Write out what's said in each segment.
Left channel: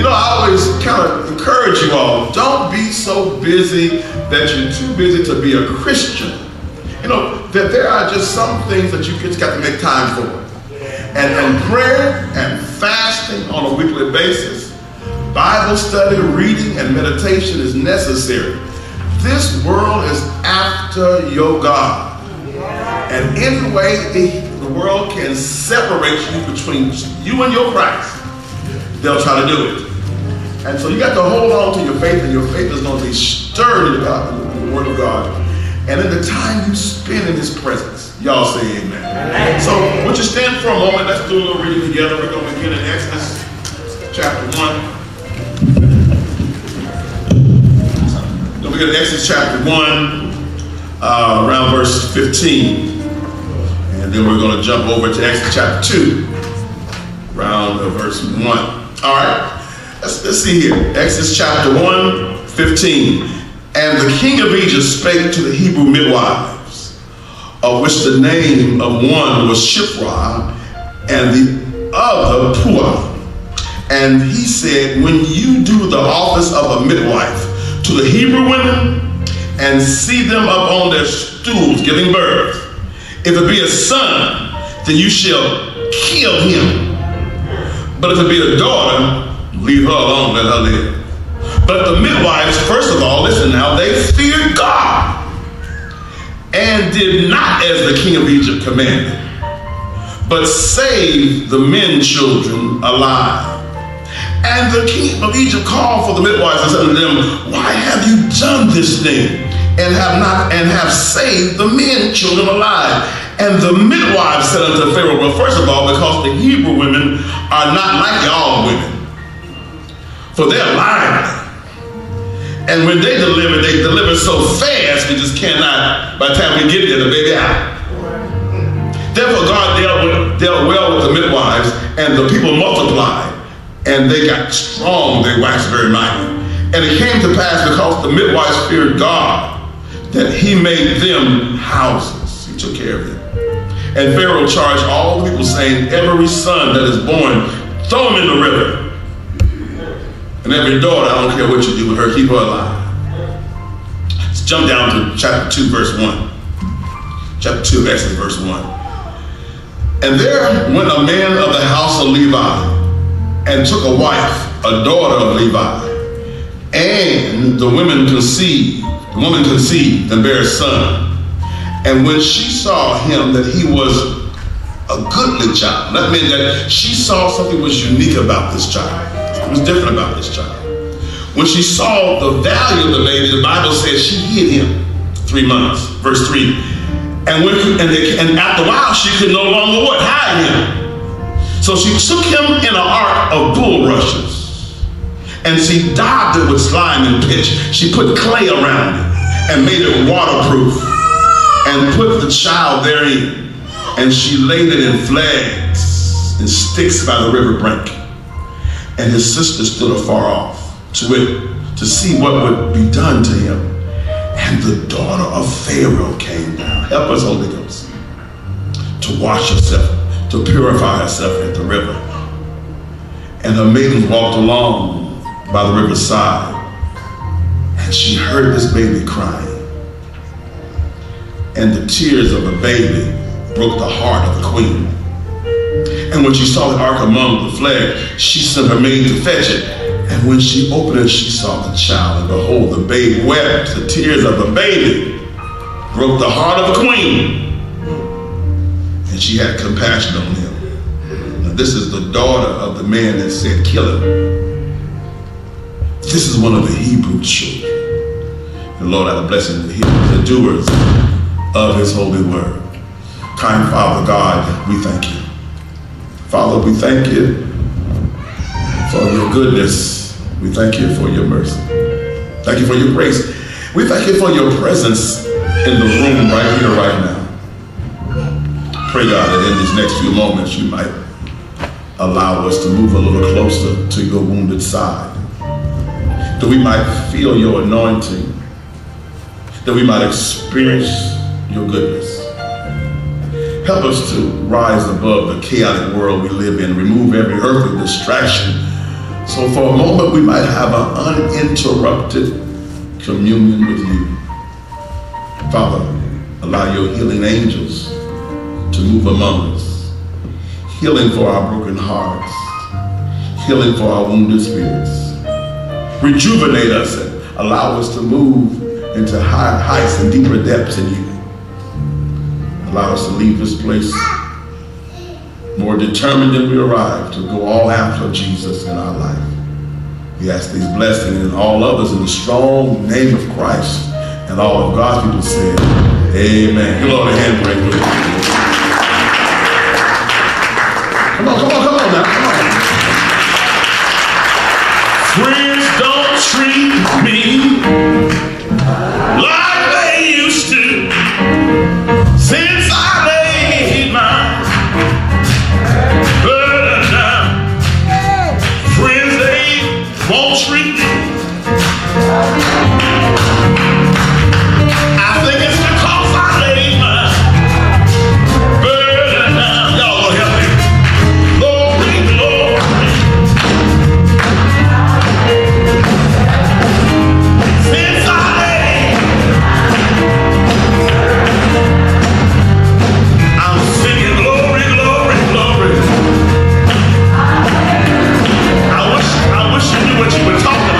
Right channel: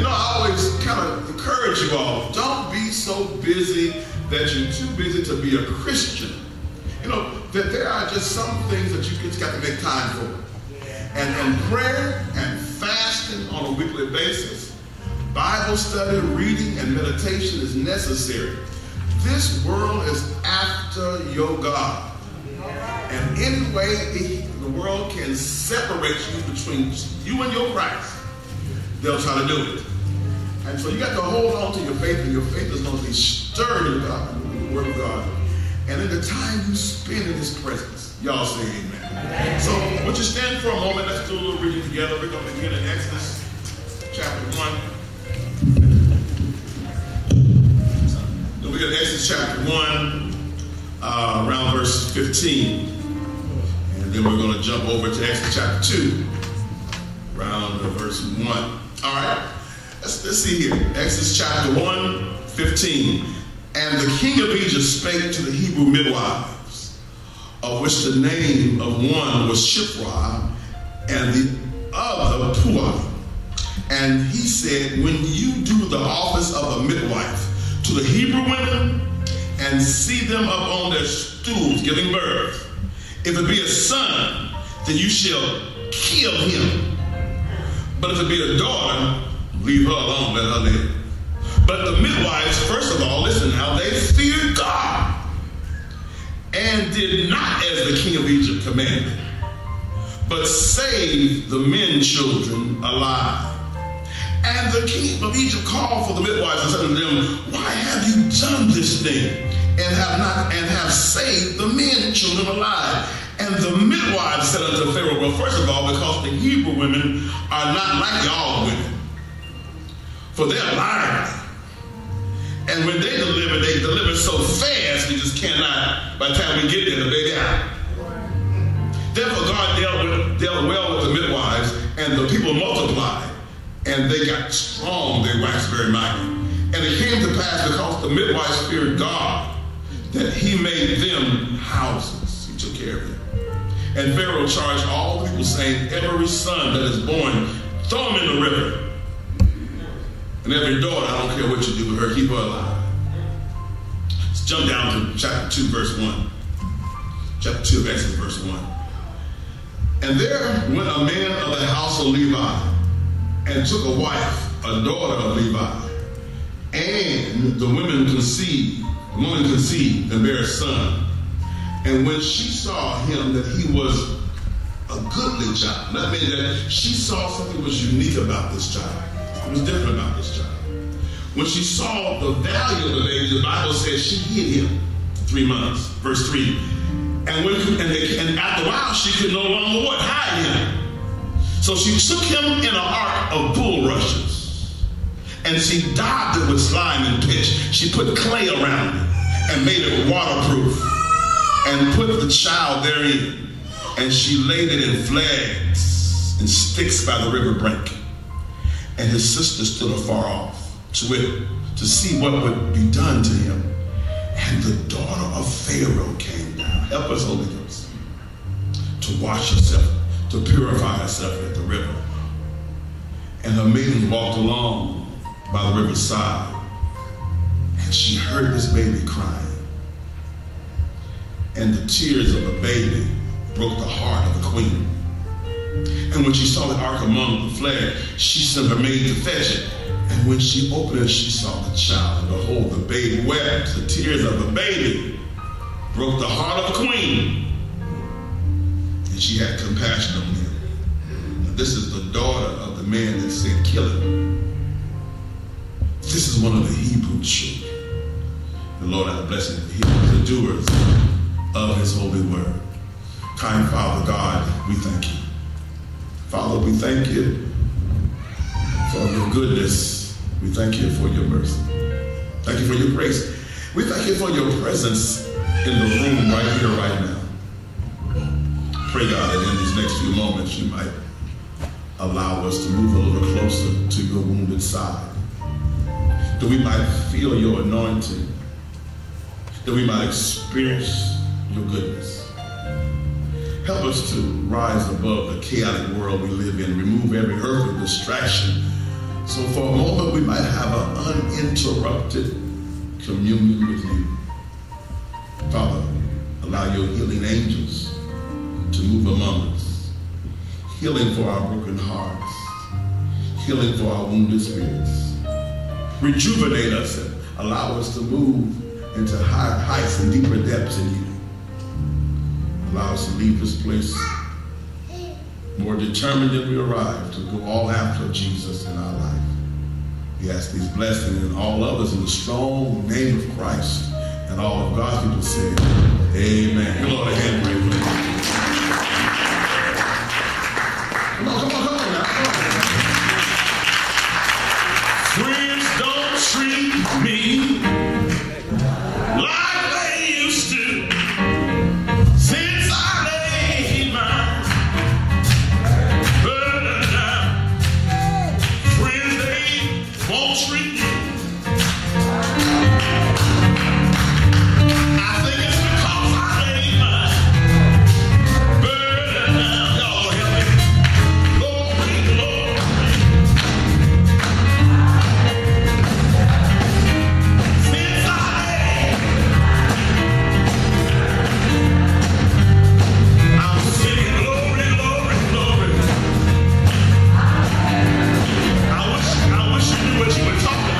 You know, I always kind of encourage you all, don't be so busy that you're too busy to be a Christian. You know, that there are just some things that you just got to make time for. And prayer and fasting on a weekly basis, Bible study, reading, and meditation is necessary. This world is after your God. And any way the world can separate you between you and your Christ, they'll try to do it. And so you got to hold on to your faith, and your faith is going to be stirred in God, in the Word of God. And in the time you spend in His presence, y'all say amen. So would you stand for a moment? Let's do a little reading together. We're going to begin in Exodus chapter 1. We're going to Exodus chapter 1, around verse 15. And then we're going to jump over to Exodus chapter 2, around verse 1. All right, let's see here. Exodus chapter 1, 15. And the king of Egypt spake to the Hebrew midwives, of which the name of one was Shiphrah, and the other Puah. And he said, when you do the office of a midwife to the Hebrew women, and see them up on their stools giving birth, if it be a son, then you shall kill him. But if it be a daughter, leave her alone, let her live. But the midwives, first of all, listen now, they feared God and did not as the king of Egypt commanded, but saved the men children alive. And the king of Egypt called for the midwives and said to them, why have you done this thing and have saved the men children alive? And the midwives said unto Pharaoh, well, first of all, because the Hebrew women are not like y'all women, for they're lively. And when they deliver so fast, we just cannot, by the time we get there, the baby out. Therefore, God dealt well with the midwives, and the people multiplied, and they got strong, they waxed very mighty. And it came to pass, because the midwives feared God, that he made them houses. He took care of them. And Pharaoh charged all the people, saying, every son that is born, throw him in the river. And every daughter, I don't care what you do with her, keep her alive. Let's jump down to chapter 2, verse 1. Chapter 2 of Exodus, verse 1. And there went a man of the house of Levi, and took a wife, a daughter of Levi. And the woman conceived and bare a son. And when she saw him that he was a goodly child, that meant that she saw something was unique about this child. It was different about this child. When she saw the value of the baby, the Bible says she hid him 3 months. Verse 3. And after a while, she could no longer what? Hide him. So she took him in an ark of bulrushes, and she daubed it with slime and pitch. She put clay around it and made it waterproof, and put the child therein. And she laid it in flags and sticks by the river brink. And his sister stood afar off to see what would be done to him. And the daughter of Pharaoh came down. Help us, Holy Ghost, to wash herself, to purify herself at the river. And her maidens walked along by the riverside, and she heard this baby crying. And the tears of the baby broke the heart of the queen. And when she saw the ark among the flags, she sent her maid to fetch it. And when she opened it, she saw the child, and behold, the babe wept. The tears of the baby broke the heart of the queen, and she had compassion on him. Now, this is the daughter of the man that said, kill him. This is one of the Hebrew children. The Lord have a blessing to hear the doers of his holy word. Kind Father God, we thank you. Father, we thank you for your goodness. We thank you for your mercy. Thank you for your grace. We thank you for your presence in the room right here, right now. Pray, God, that in these next few moments you might allow us to move a little closer to your wounded side, that we might feel your anointing, that we might experience your goodness. Help us to rise above the chaotic world we live in, remove every earthly distraction So for a moment, we might have an uninterrupted communion with you. Father, allow your healing angels to move among us. Healing for our broken hearts. Healing for our wounded spirits. Rejuvenate us and allow us to move into heights and deeper depths in you. Allow us to leave this place more determined than we arrived, to go all after Jesus in our life. We ask these blessings and all others in the strong name of Christ. And all of God's people say, amen. Give Lord a hand break. Come on now, come on. Friends don't treat me like they used to since I laid my burden down. Friends, they won't treat me. I think it's because I laid my burden down. Y'all will help me. Glory, glory. Since I laid, I'm singing glory, glory, glory. I wish you knew what you were talking about.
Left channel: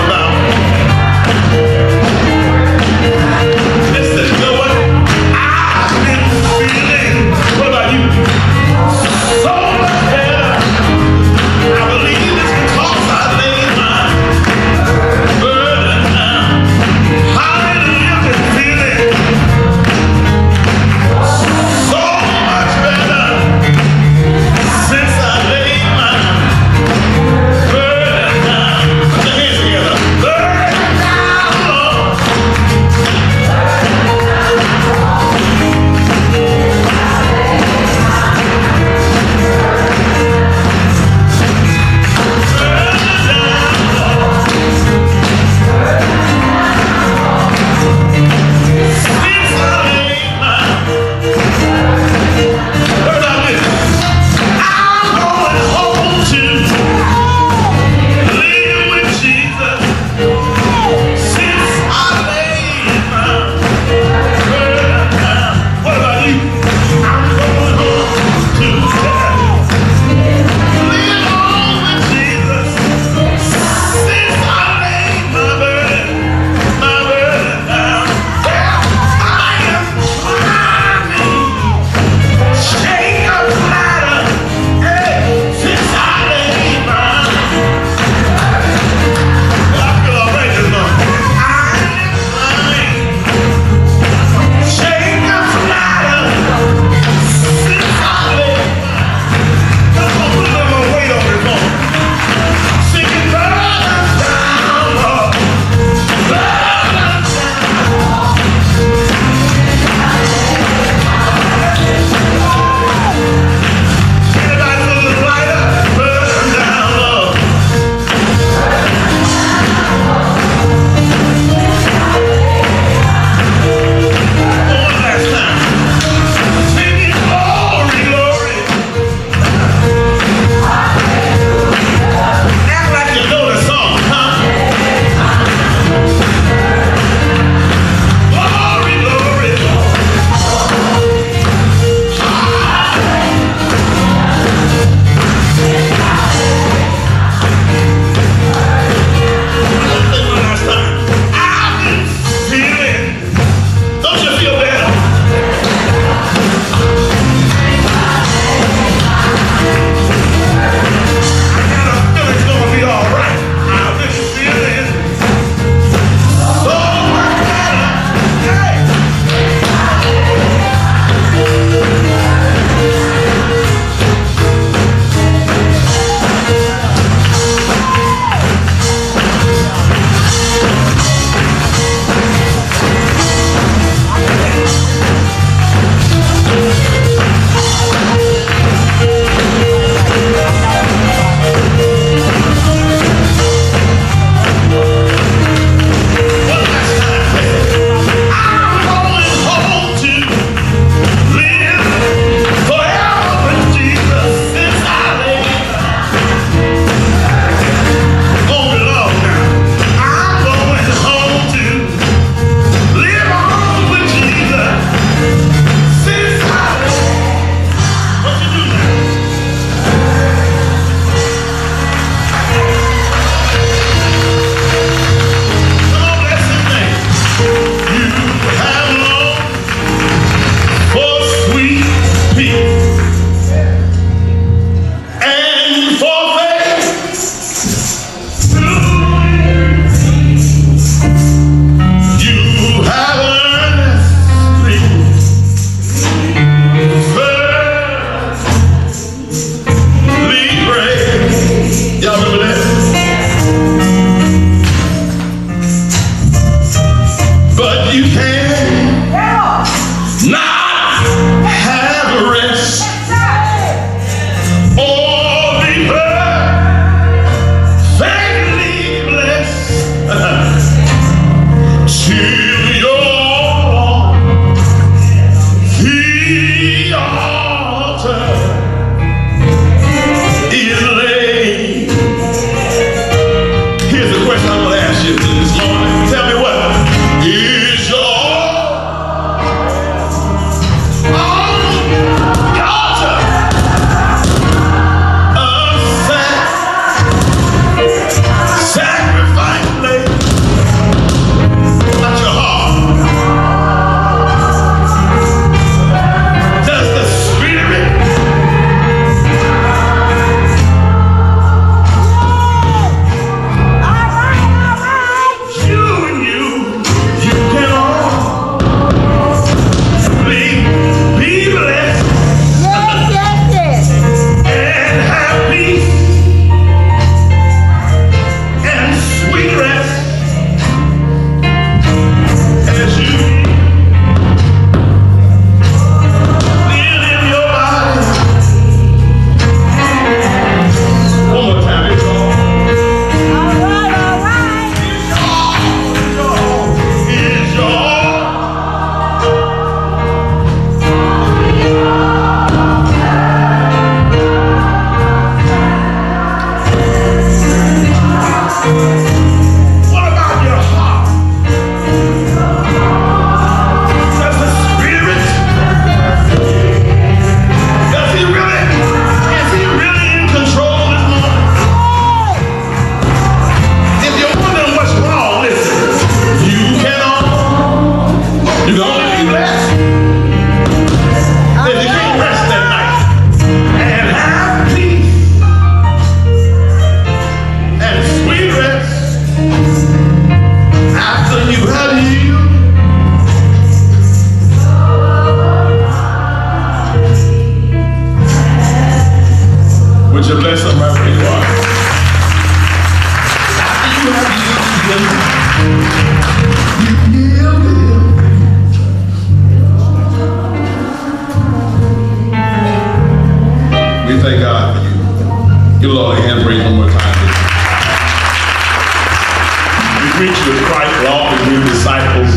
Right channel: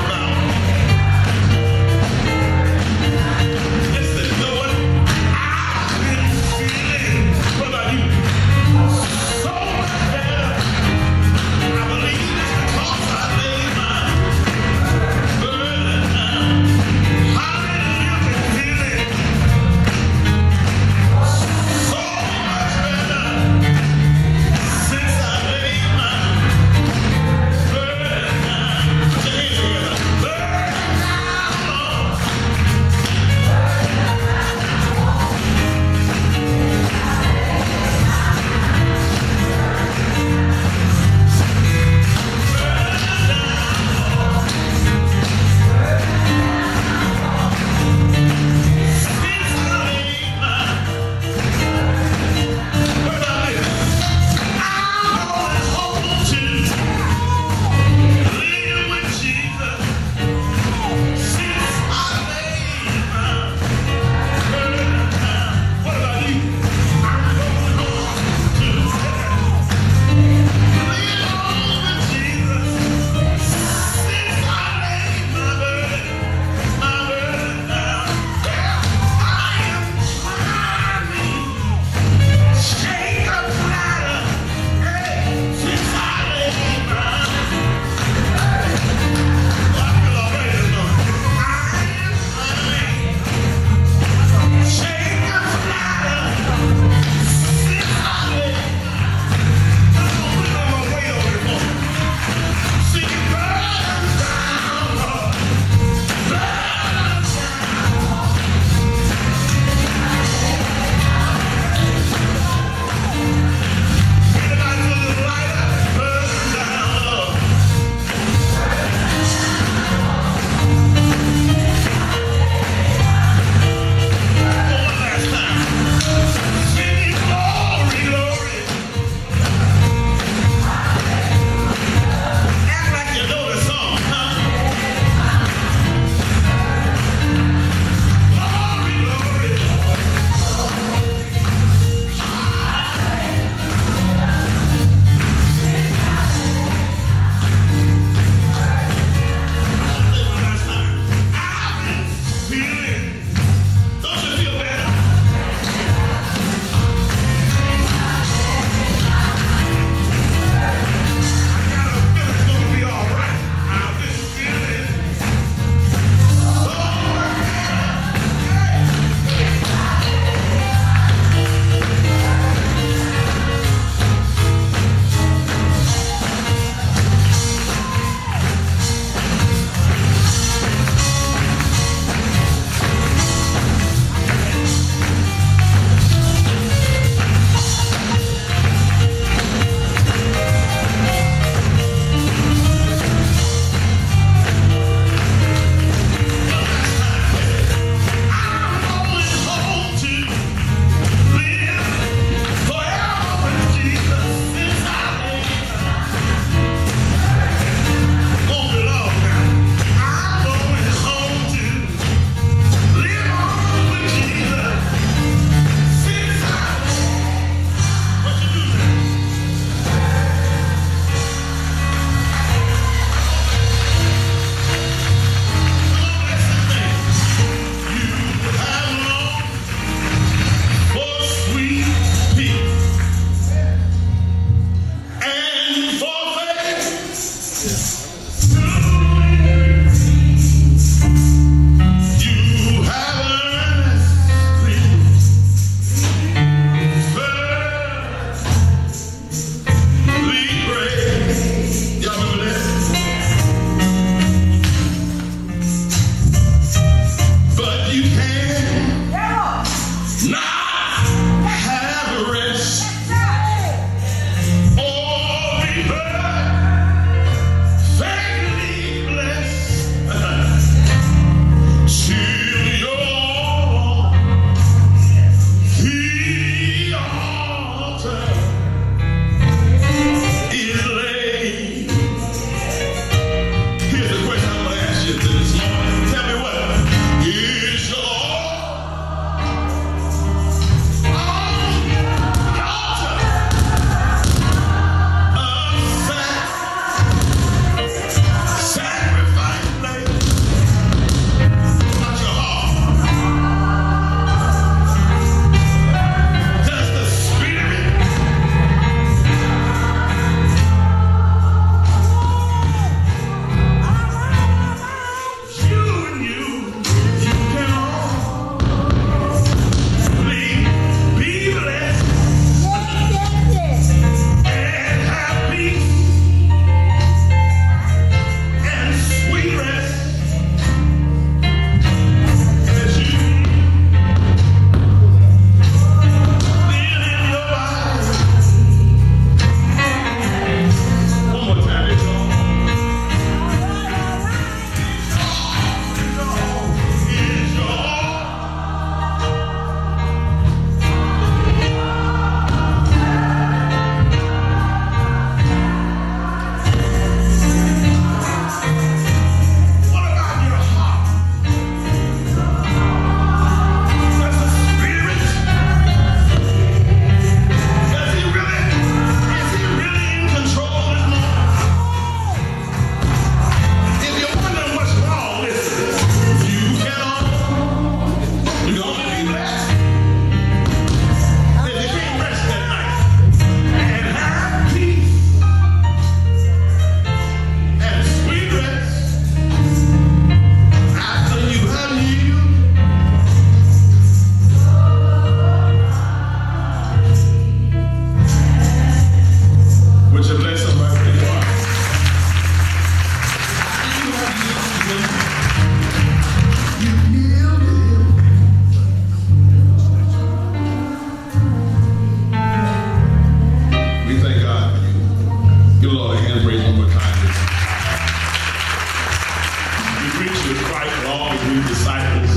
preaching of Christ will often bring disciples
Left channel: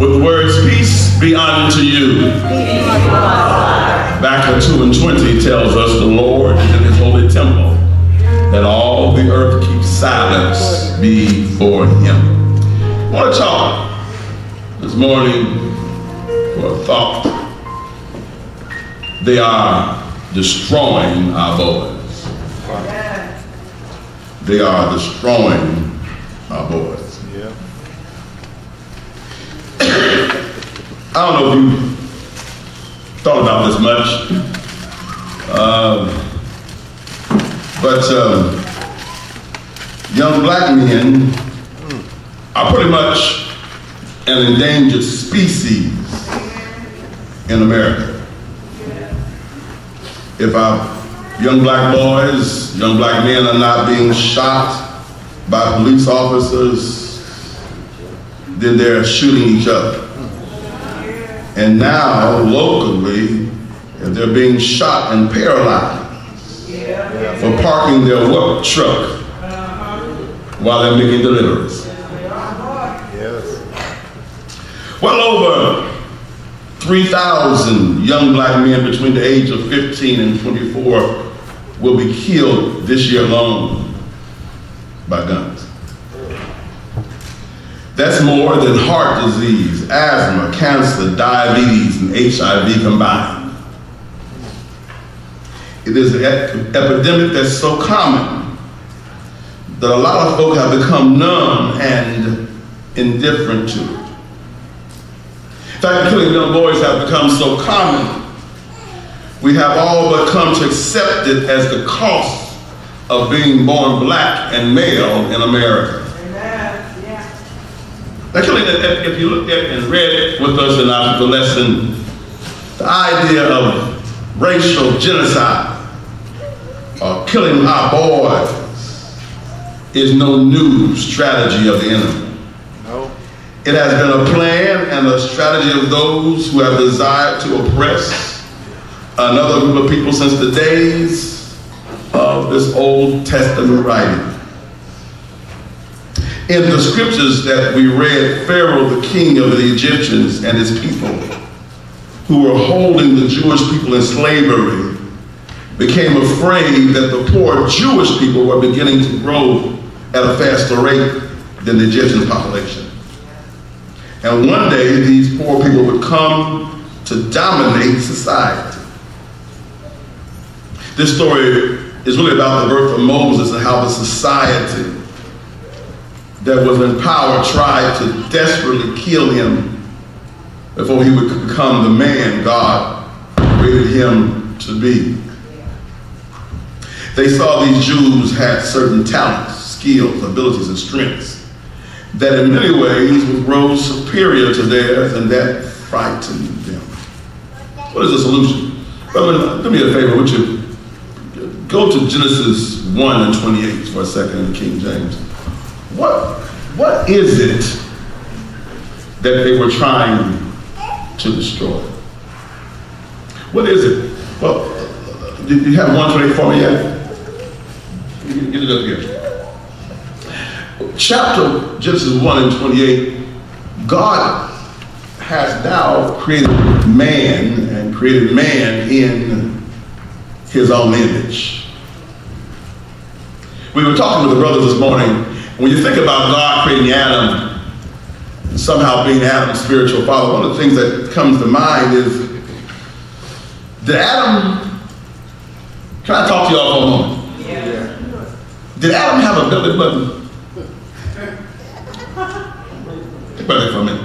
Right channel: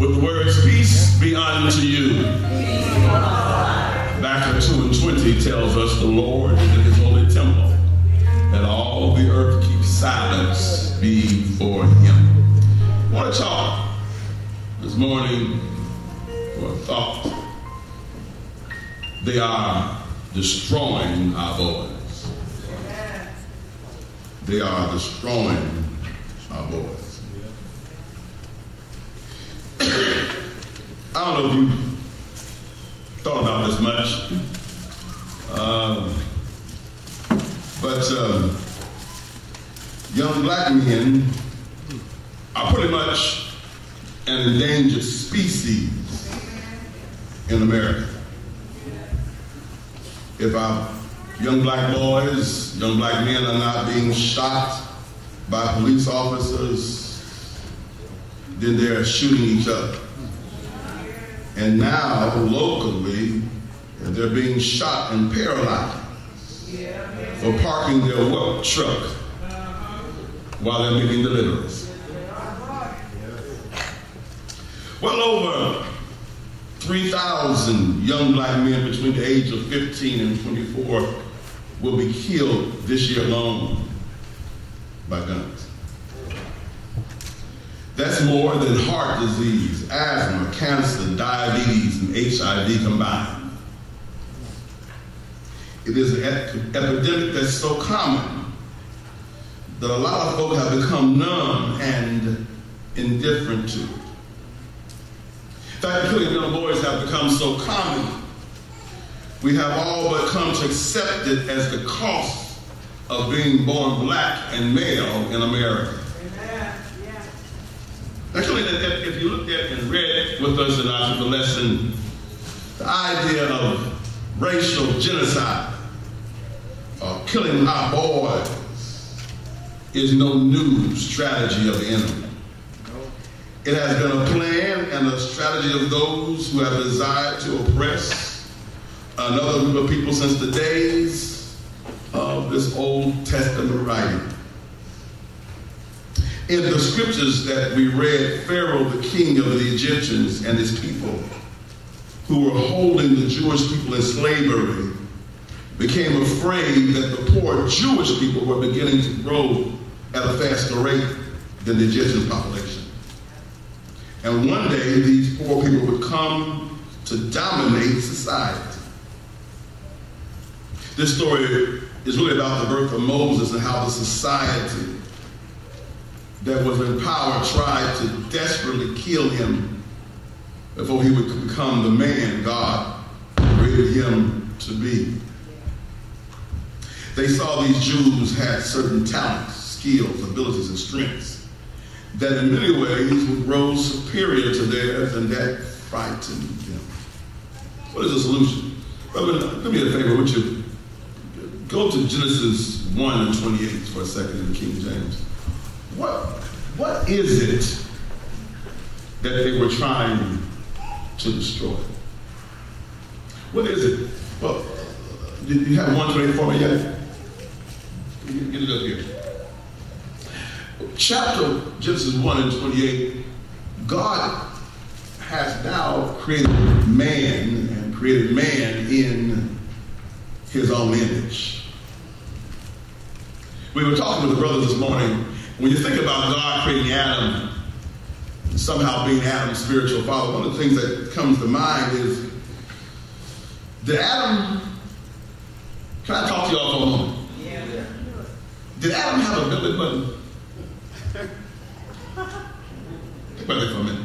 with the words, peace be unto you. Habakkuk 2:20 tells us the Lord is in his holy temple, that all the earth keeps silence before him. I want to talk this morning for a thought. They are destroying our boys. They are destroying our boys. I don't know if you thought about this much, but young black men are pretty much an endangered species in America. If our young black boys, young black men are not being shot by police officers, then they're shooting each other. And now, locally, they're being shot and paralyzed for parking their work truck while they're making deliveries. Well over 3,000 young black men between the age of 15 and 24 will be killed this year alone by guns. That's more than heart disease, asthma, cancer, diabetes, and HIV combined. It is an epidemic that's so common that a lot of folk have become numb and indifferent to it. In fact, killing young boys have become so common, we have all but come to accept it as the cost of being born black and male in America. Actually, if you looked at and read with us in our lesson, the idea of racial genocide or killing our boys is no new strategy of the enemy. No. It has been a plan and a strategy of those who have desired to oppress another group of people since the days of this Old Testament writing. In the scriptures that we read, Pharaoh, the king of the Egyptians, and his people, who were holding the Jewish people in slavery, became afraid that the poor Jewish people were beginning to grow at a faster rate than the Egyptian population. And one day, these poor people would come to dominate society. This story is really about the birth of Moses and how the society that was in power tried to desperately kill him before he would become the man God created him to be. They saw these Jews had certain talents, skills, abilities, and strengths that in many ways would grow superior to theirs, and that frightened them. What is the solution? Brother, do me a favor, would you go to Genesis 1:28 for a second in King James. What is it that they were trying to destroy? What is it? Well, do you have 1:28 for me yet? Get it up here. Chapter Genesis 1:28, God has now created man and created man in his own image. We were talking with the brothers this morning. When you think about God creating Adam, somehow being Adam's spiritual father, one of the things that comes to mind is, did Adam, can I talk to y'all for a moment? Yeah. Did Adam have a belly button? Think about that for a minute.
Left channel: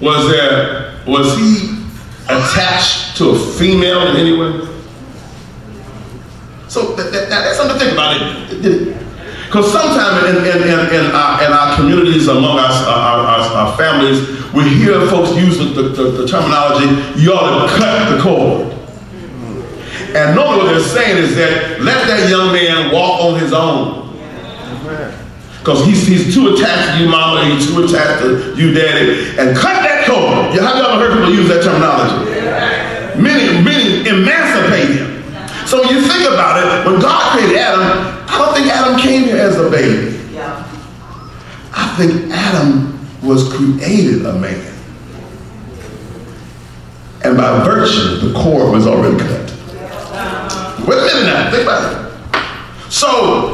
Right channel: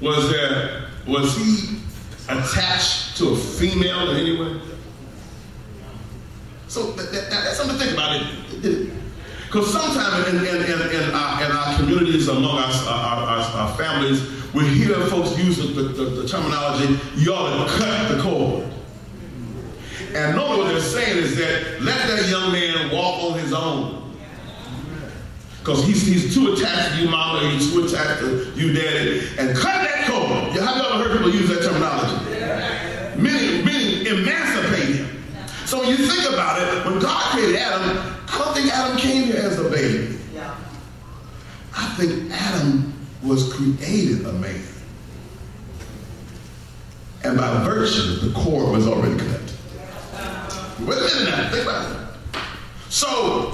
Was he attached to a female in any way? So that's something to think about it. Because sometimes in our communities, among our families, we hear folks use the terminology, you ought to cut the cord. And normally what they're saying is that let that young man walk on his own. Because he's too attached to you, mama, he's too attached to you, daddy, and cut that cord. Have you ever heard people use that terminology? Meaning emancipate him. So when you think about it, when God created Adam, I don't think Adam came here as a baby. Yeah. I think Adam was created a man. And by virtue, the cord was already cut. Wait a minute now, think about it. So,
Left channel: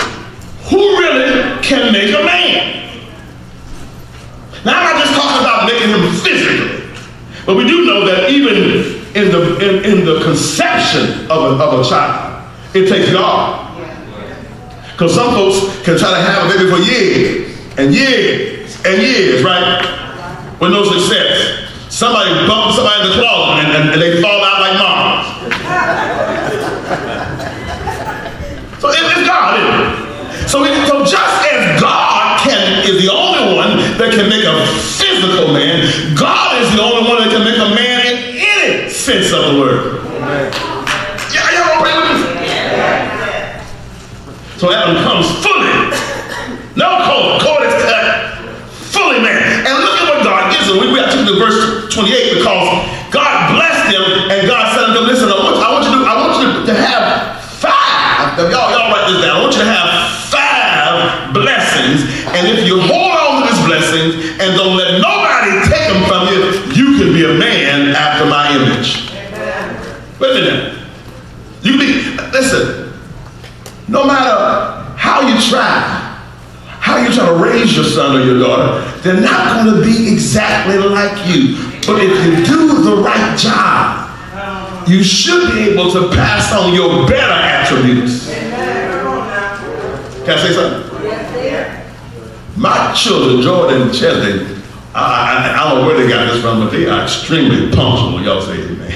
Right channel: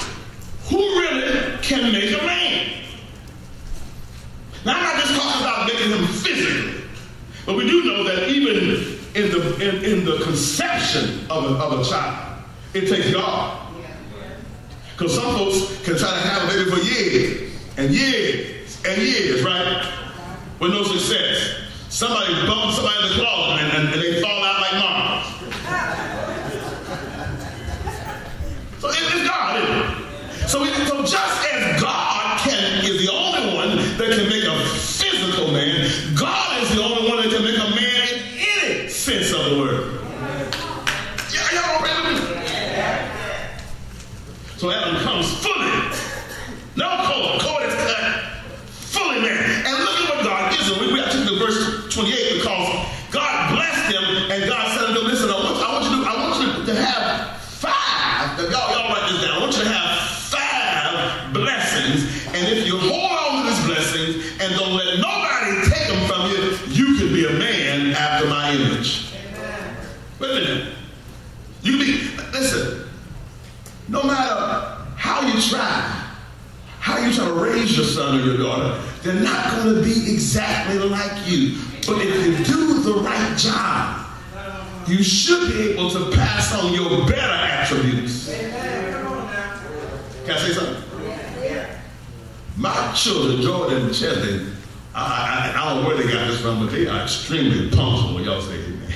who really can make a man? Now, I'm not just talking about making him physically, but we do know that even in the conception of a child, it takes God. Because some folks can try to have a baby for years and years and years, right? With no success. Somebody bumps somebody in the closet and they fall out like Mars. So it's God, isn't it? So just as God is the only one that can make a physical man, God is the only one that can make a man in any sense of the word. Y'all agree with me? So Adam comes fully, no cord is cut, fully man. And look at what God gives him. We have to verse 28 because God blessed him and God said to him, listen, I want you to have 5. Y'all write this down. I want you to have 5 blessings. And if you hold on to these blessings and don't let nobody take them from you, you can be a man after my image. Amen. Wait a minute. You can be, listen, no matter how you try to raise your son or your daughter, they're not going to be exactly like you. But if you do the right job, you should be able to pass on your better attributes. Can I say something? My children, Jordan and Chelsea, I don't know where they got this from, but they are extremely punctual. Y'all say amen.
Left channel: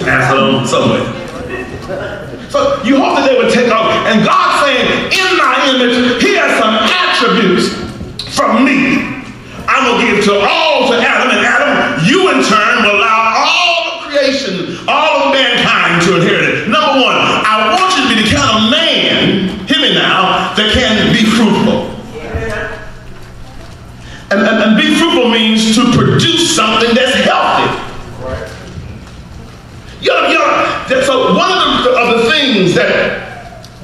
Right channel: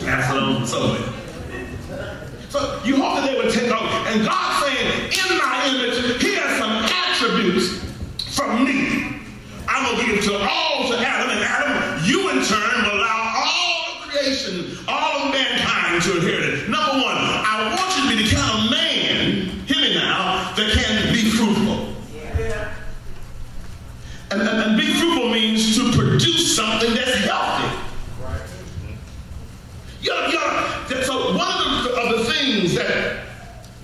Pass it on somewhere. So you hope that they would take off. And God's saying, in my image, he has some attributes from me. I'm going to give to Adam, and Adam, you in turn will allow all of creation, all of mankind to inherit it. Number 1, I want you to be the kind of man, hear me now, that can be fruitful. And be fruitful means to produce something that's healthy. So one of the things that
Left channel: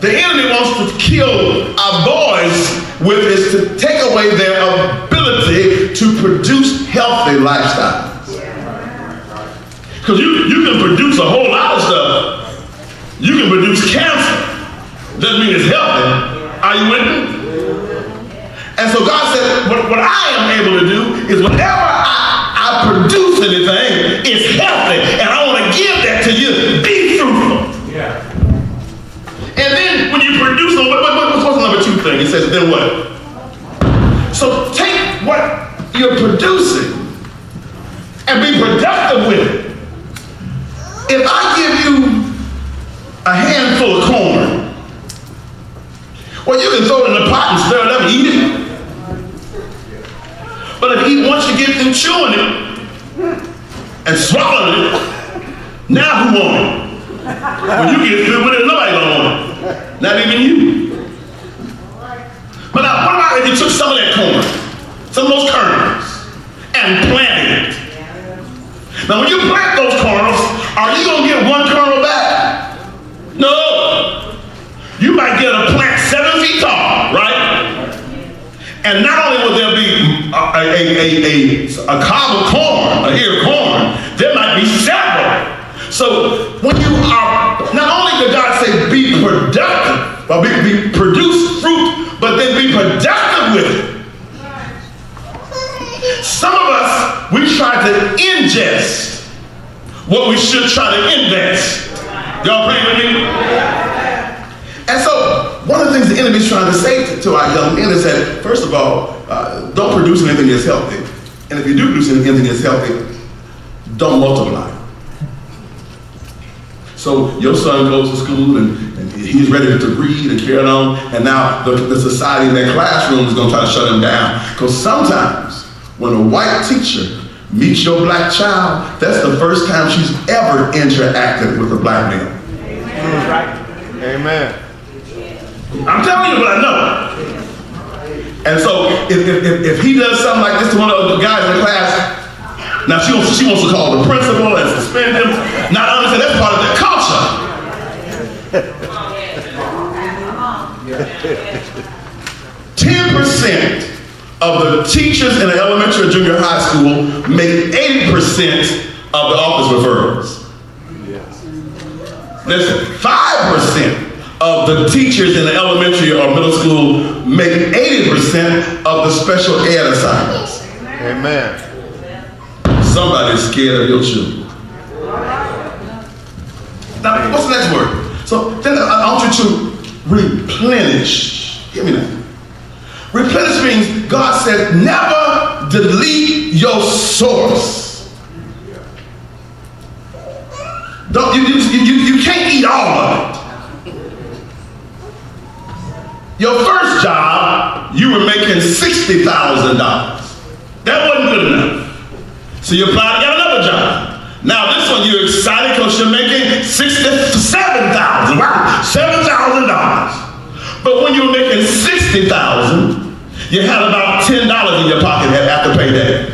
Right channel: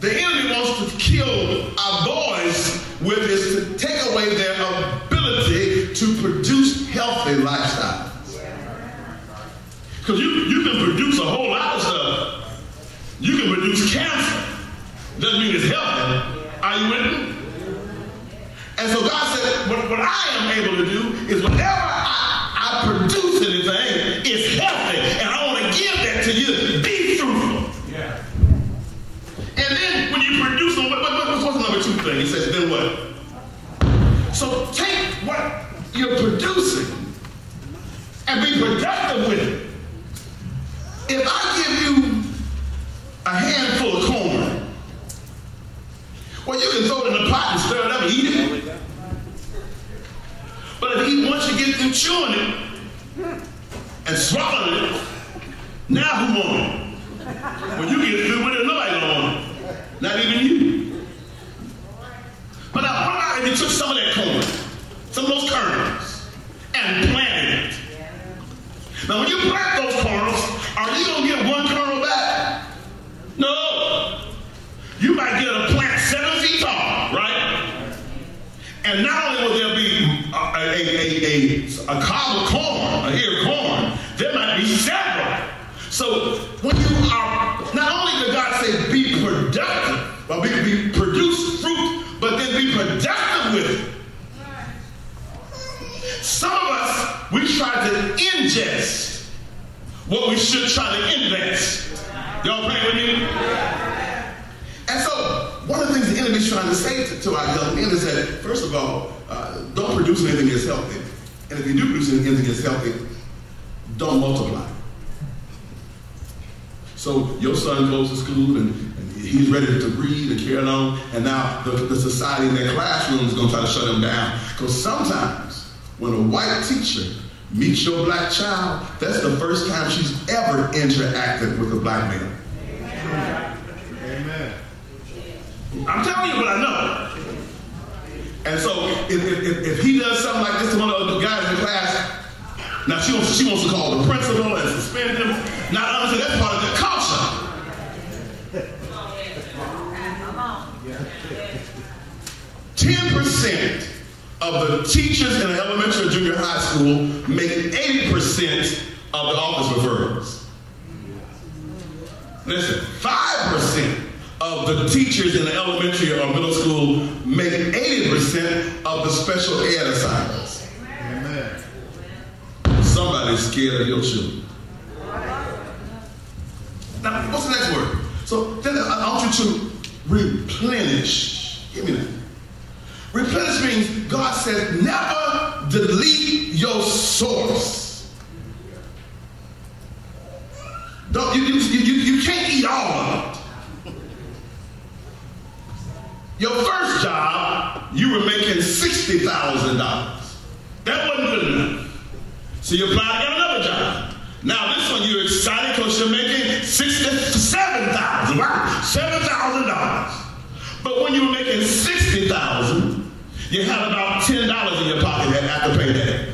the enemy wants to kill our boys with is to take away their ability to produce healthy lifestyles. Because you can produce a whole lot of stuff. You can produce cancer. Doesn't mean it's healthy. Are you with me? And so God said, what I am able to do is whenever I produce anything, it's healthy. And I want to give that to you. Be fruitful. Yeah. And then when you produce, what's the number 2 thing? He says, then what? So take what you're producing and be productive with it. If I give you a handful of corn, well, you can throw it in the pot and stir it up and eat it. But once you get through chewing it and swallowing it, now who wants it? When you get through with it, nobody gonna want it. Not even you. But now, what about if you took some of that corn, some of those kernels, and planted it? Now, when you plant those kernels, are you gonna get 1 kernel back? No. You might get a plant 7 feet tall, right? And not only will there be a cob of corn, a ear of corn, there might be several. So when you are, not only did God say be productive, or produce fruit, but then be productive with it. Some of us, we try to ingest what we should try to invest. Y'all praying with me? And so, one of the things the enemy's trying to say to our young men is that, first of all, don't produce anything that's healthy. And if you do produce anything that's healthy, don't multiply. So your son goes to school and he's ready to read and carry on, and now the society in that classroom is going to try to shut him down. Because sometimes when a white teacher meets your black child, that's the first time she's ever interacted with a black man. Amen. I'm telling you what I know. And so if he does something like this to one of the guys in the class, now she wants to call the principal and suspend him. Not understand that's part of their culture. 10% of the teachers in the elementary or junior high school make 80% of the office referrals. Listen, 5% of the teachers in the elementary or middle school make 80% of the special ed assignments. Amen. Somebody's scared of your children. Now, what's the next word? So then I want you to replenish. Hear me now. Replenish means God said never delete your source. Don't you can't eat all of it. Your first job, you were making $60,000. That wasn't good enough. So you applied to get another job. Now this one you're excited because you're making $67,000. Wow, $7,000. But when you were making $60,000, you had about $10 in your pocket after payday.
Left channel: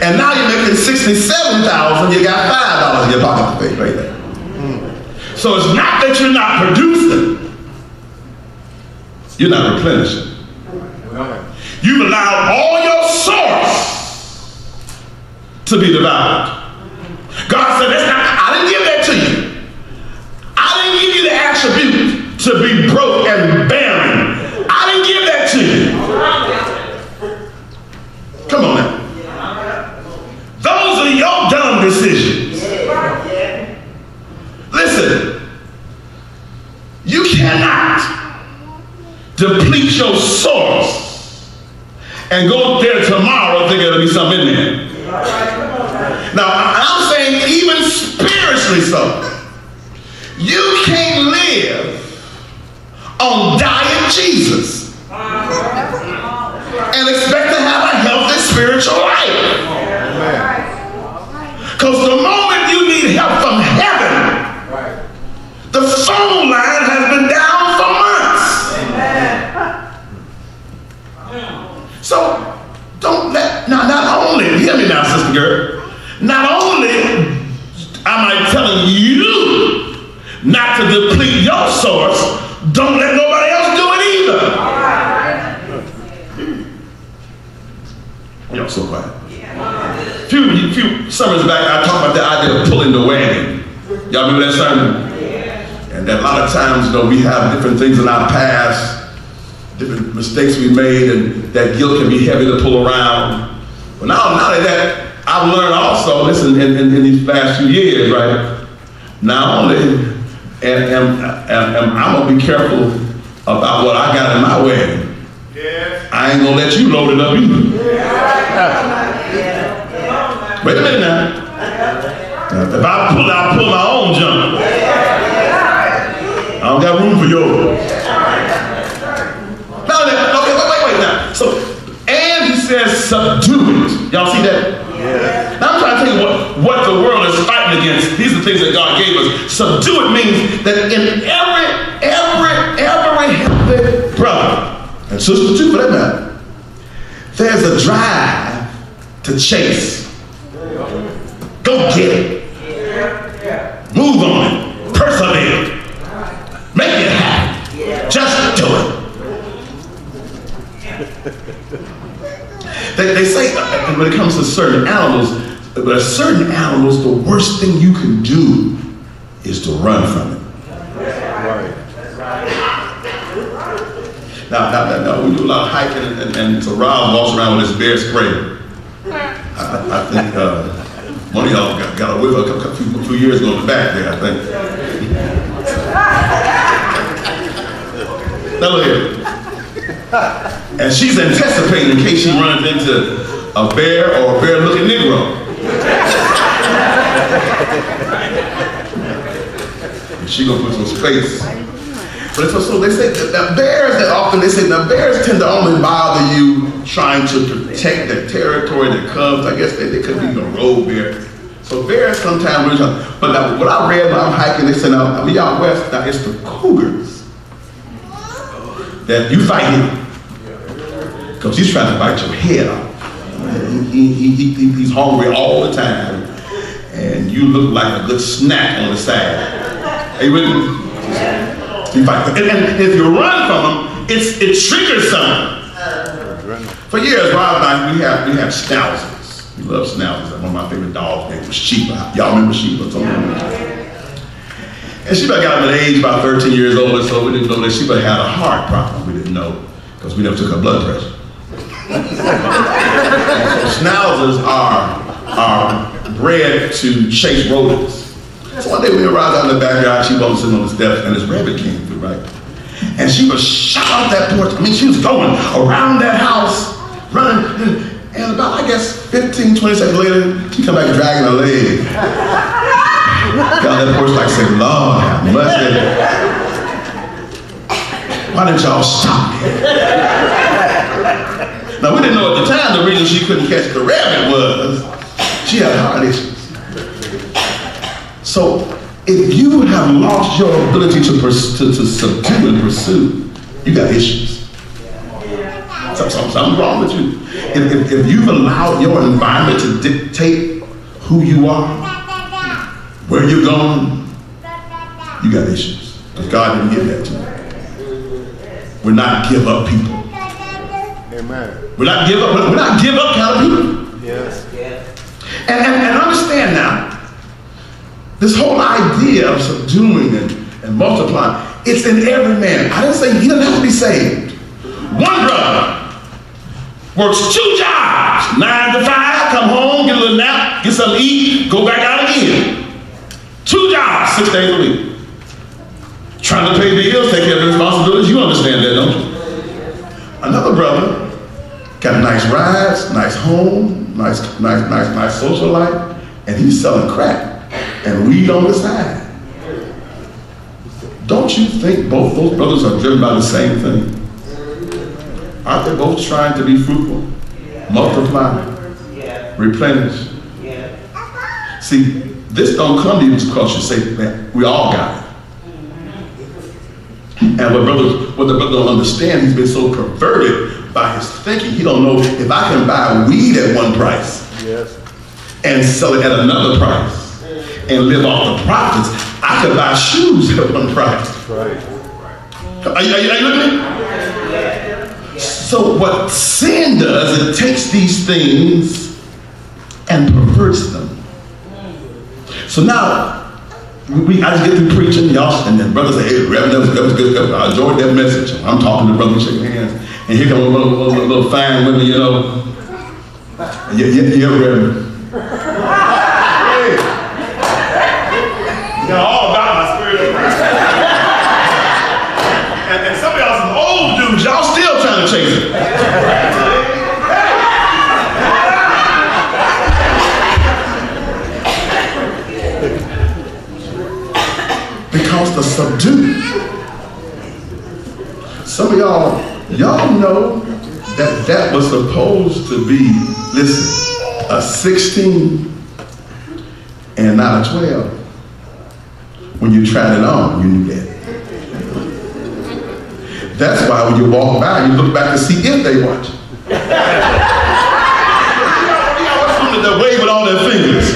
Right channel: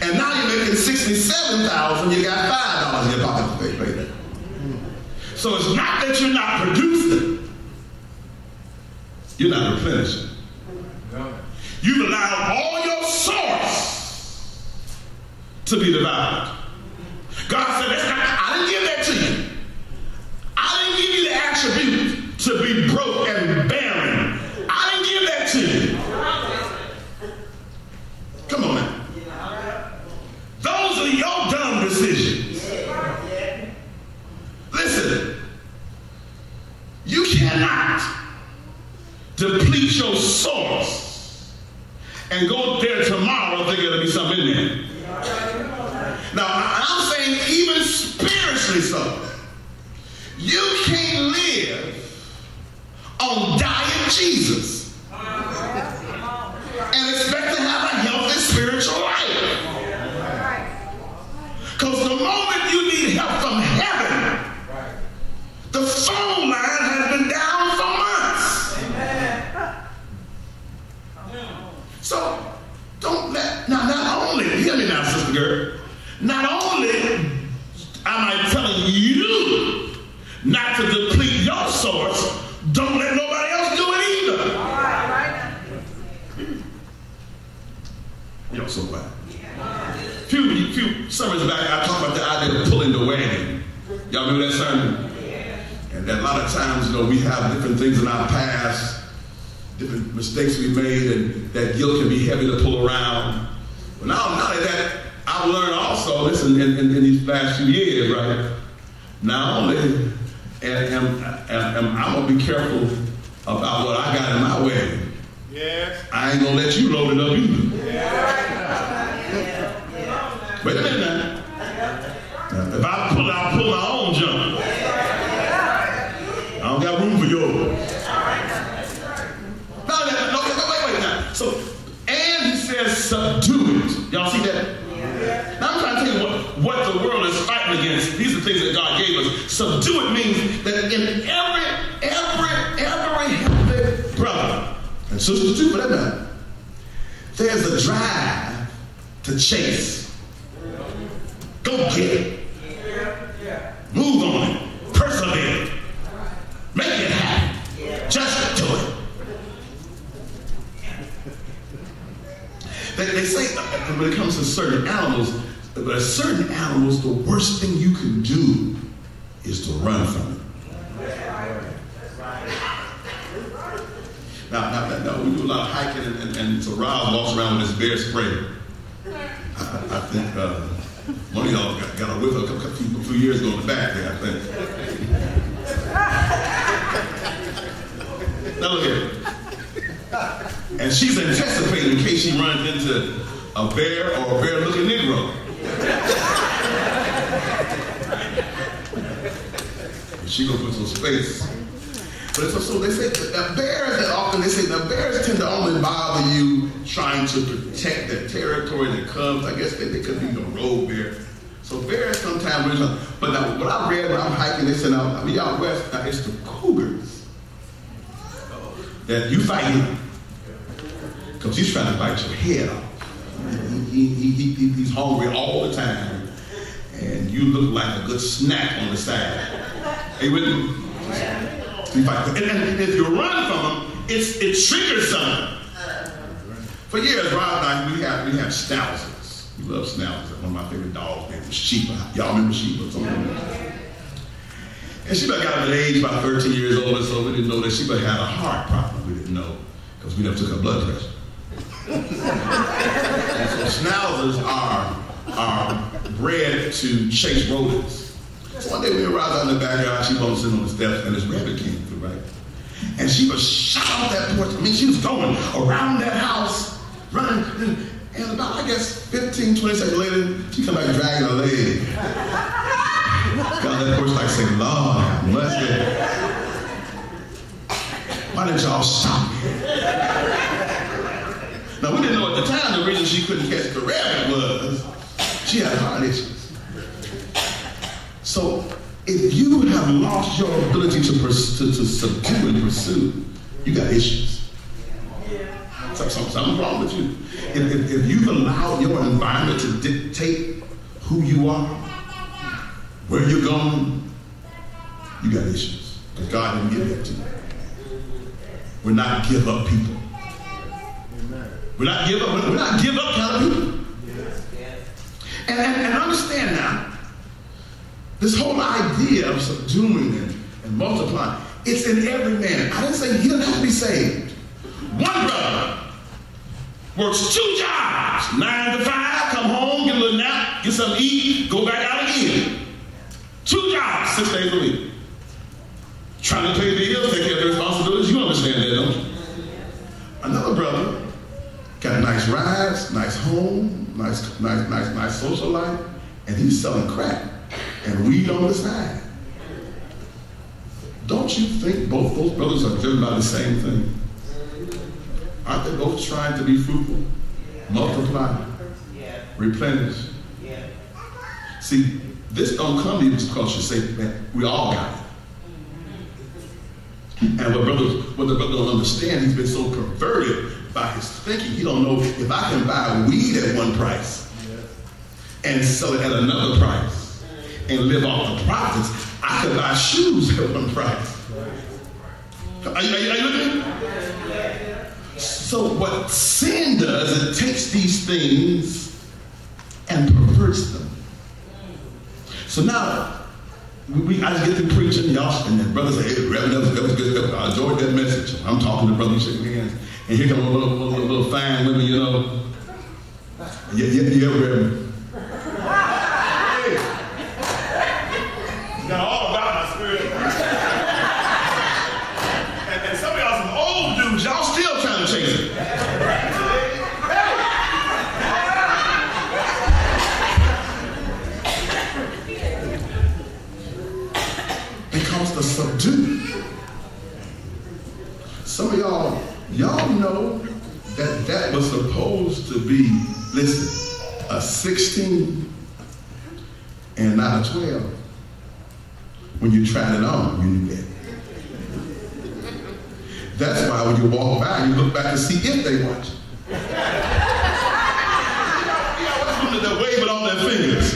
And now you're making $67,000, you got $5 in your pocket to pay payday. So it's not that you're not producing, you're not replenishing. You've allowed all your source to be devoured. God said, I didn't give that to you. I didn't give you the attribute to be broke and barren. I didn't give that to you. Come on now. Those are your dumb decisions. Listen, you cannot deplete your source and go there tomorrow thinking there'll be something in there. Now, I'm saying even spiritually so. You can't live on diet Jesus and expect to have a healthy spiritual life. Because the moment you need help from heaven, the phone line has been down for months. So don't let, not only, hear me now, sister girl, not only am I telling you not to deplete your source, don't let nobody else do it either. Y'all so quiet. Few summers back, I talked about the idea of pulling the wagon. Y'all remember that sermon? And that a lot of times, you know, we have different things in our past, different mistakes we made, and that guilt can be heavy to pull around. But not only that, I've learned also, listen, in these last few years, right? Not only am I'm gonna be careful about what I got in my wagon. I ain't gonna let you load it up either. Wait a minute now. If I pull my own junk, I don't got room for yours. Now, okay, wait now. So, and he says, subdue it. Y'all see that? Yeah. Now I'm trying to tell you what the world is fighting against. These are things that God gave us. Subdue it means that in every healthy brother and sister too, for that matter, there's a drive to chase. Go get it. Move on it. Persevere. Make it happen. Just do it. They say when it comes to certain animals, but certain animals, the worst thing you can do is to run from it. Now we do a lot of hiking, and so Rob walks around with his bear spray. I think one of y'all got a whiff a few years ago in the back there, I think. Now look here. And she's anticipating in case she runs into a bear or a bear-looking Negro. And she gonna put some space. But so they say that bears tend to only bother you trying to protect their territory, their cubs. I guess they could be a road bear. So bears sometimes, but now, what I read when I'm hiking, they said, now, we out west, now it's the cougars that you fight him. Because he's trying to bite your head off. He's hungry all the time. And you look like a good snack on the side. Are you with me? You fight. And if you run from him, it triggers something. For years, Rob and I, we have schnauzers. We love schnauzers. One of my favorite dogs' name was Sheba. Y'all remember Sheba? And Sheba got up at age about 13 years old, so we didn't know that Sheba had a heart problem. We didn't know because we never took her blood pressure. So schnauzers are bred to chase rodents. So one day we arrived out in the backyard, she was sitting on the steps, and this rabbit came through, right? And she was shot off that porch. I mean, she was going around that house, running, and about, I guess, 15, 20 seconds later, she come back dragging her leg. Got that porch like saying, Lord have mercy. Why didn't y'all stop me? Now, we didn't know at the time the reason she couldn't catch the rabbit was she had heart issues. So, if you have lost your ability to subdue and pursue, you got issues. Something's wrong with you. If you've allowed your environment to dictate who you are, where you're going, you got issues. Because God didn't give that to you. We're not give up people. Amen. We're not give up kind of people. Yes. And understand now, this whole idea of subduing and multiplying, it's in every man. I didn't say he doesn't have to be saved. One brother works 2 jobs, 9 to 5, come home, get a little nap, get something to eat, go back out again. 2 jobs, 6 days a week. Trying to pay bills, take care of the responsibilities. You understand that, don't you? Another brother got nice rides, nice home, nice social life, and he's selling crack and weed on the side. Don't you think both those brothers are driven by the same thing? Aren't they both trying to be fruitful, multiply, replenish? See, this don't come to you because you say, man, we all got it. And what the brother don't understand, he's been so perverted by his thinking, he don't know if I can buy weed at one price and sell it at another price and live off the profits, I could buy shoes at one price. Are you looking at me? So what sin does, it takes these things and perverts them. So now, I just get through preaching, y'all, and then brothers say, hey, Reverend, that was good. I enjoyed that message. I'm talking to brothers, shaking hands, and here come a little fine women, you know. Yeah, Reverend. Hey. You know all about my spiritual life. And some of y'all, some old dudes, y'all still trying to chase it. Because the subdue. Some of y'all know that was supposed to be, listen, a 16 and not a 12. When you tried it on, you knew that. That's why when you walk by, you look back to see if they watch. What's on that wave with all their fingers?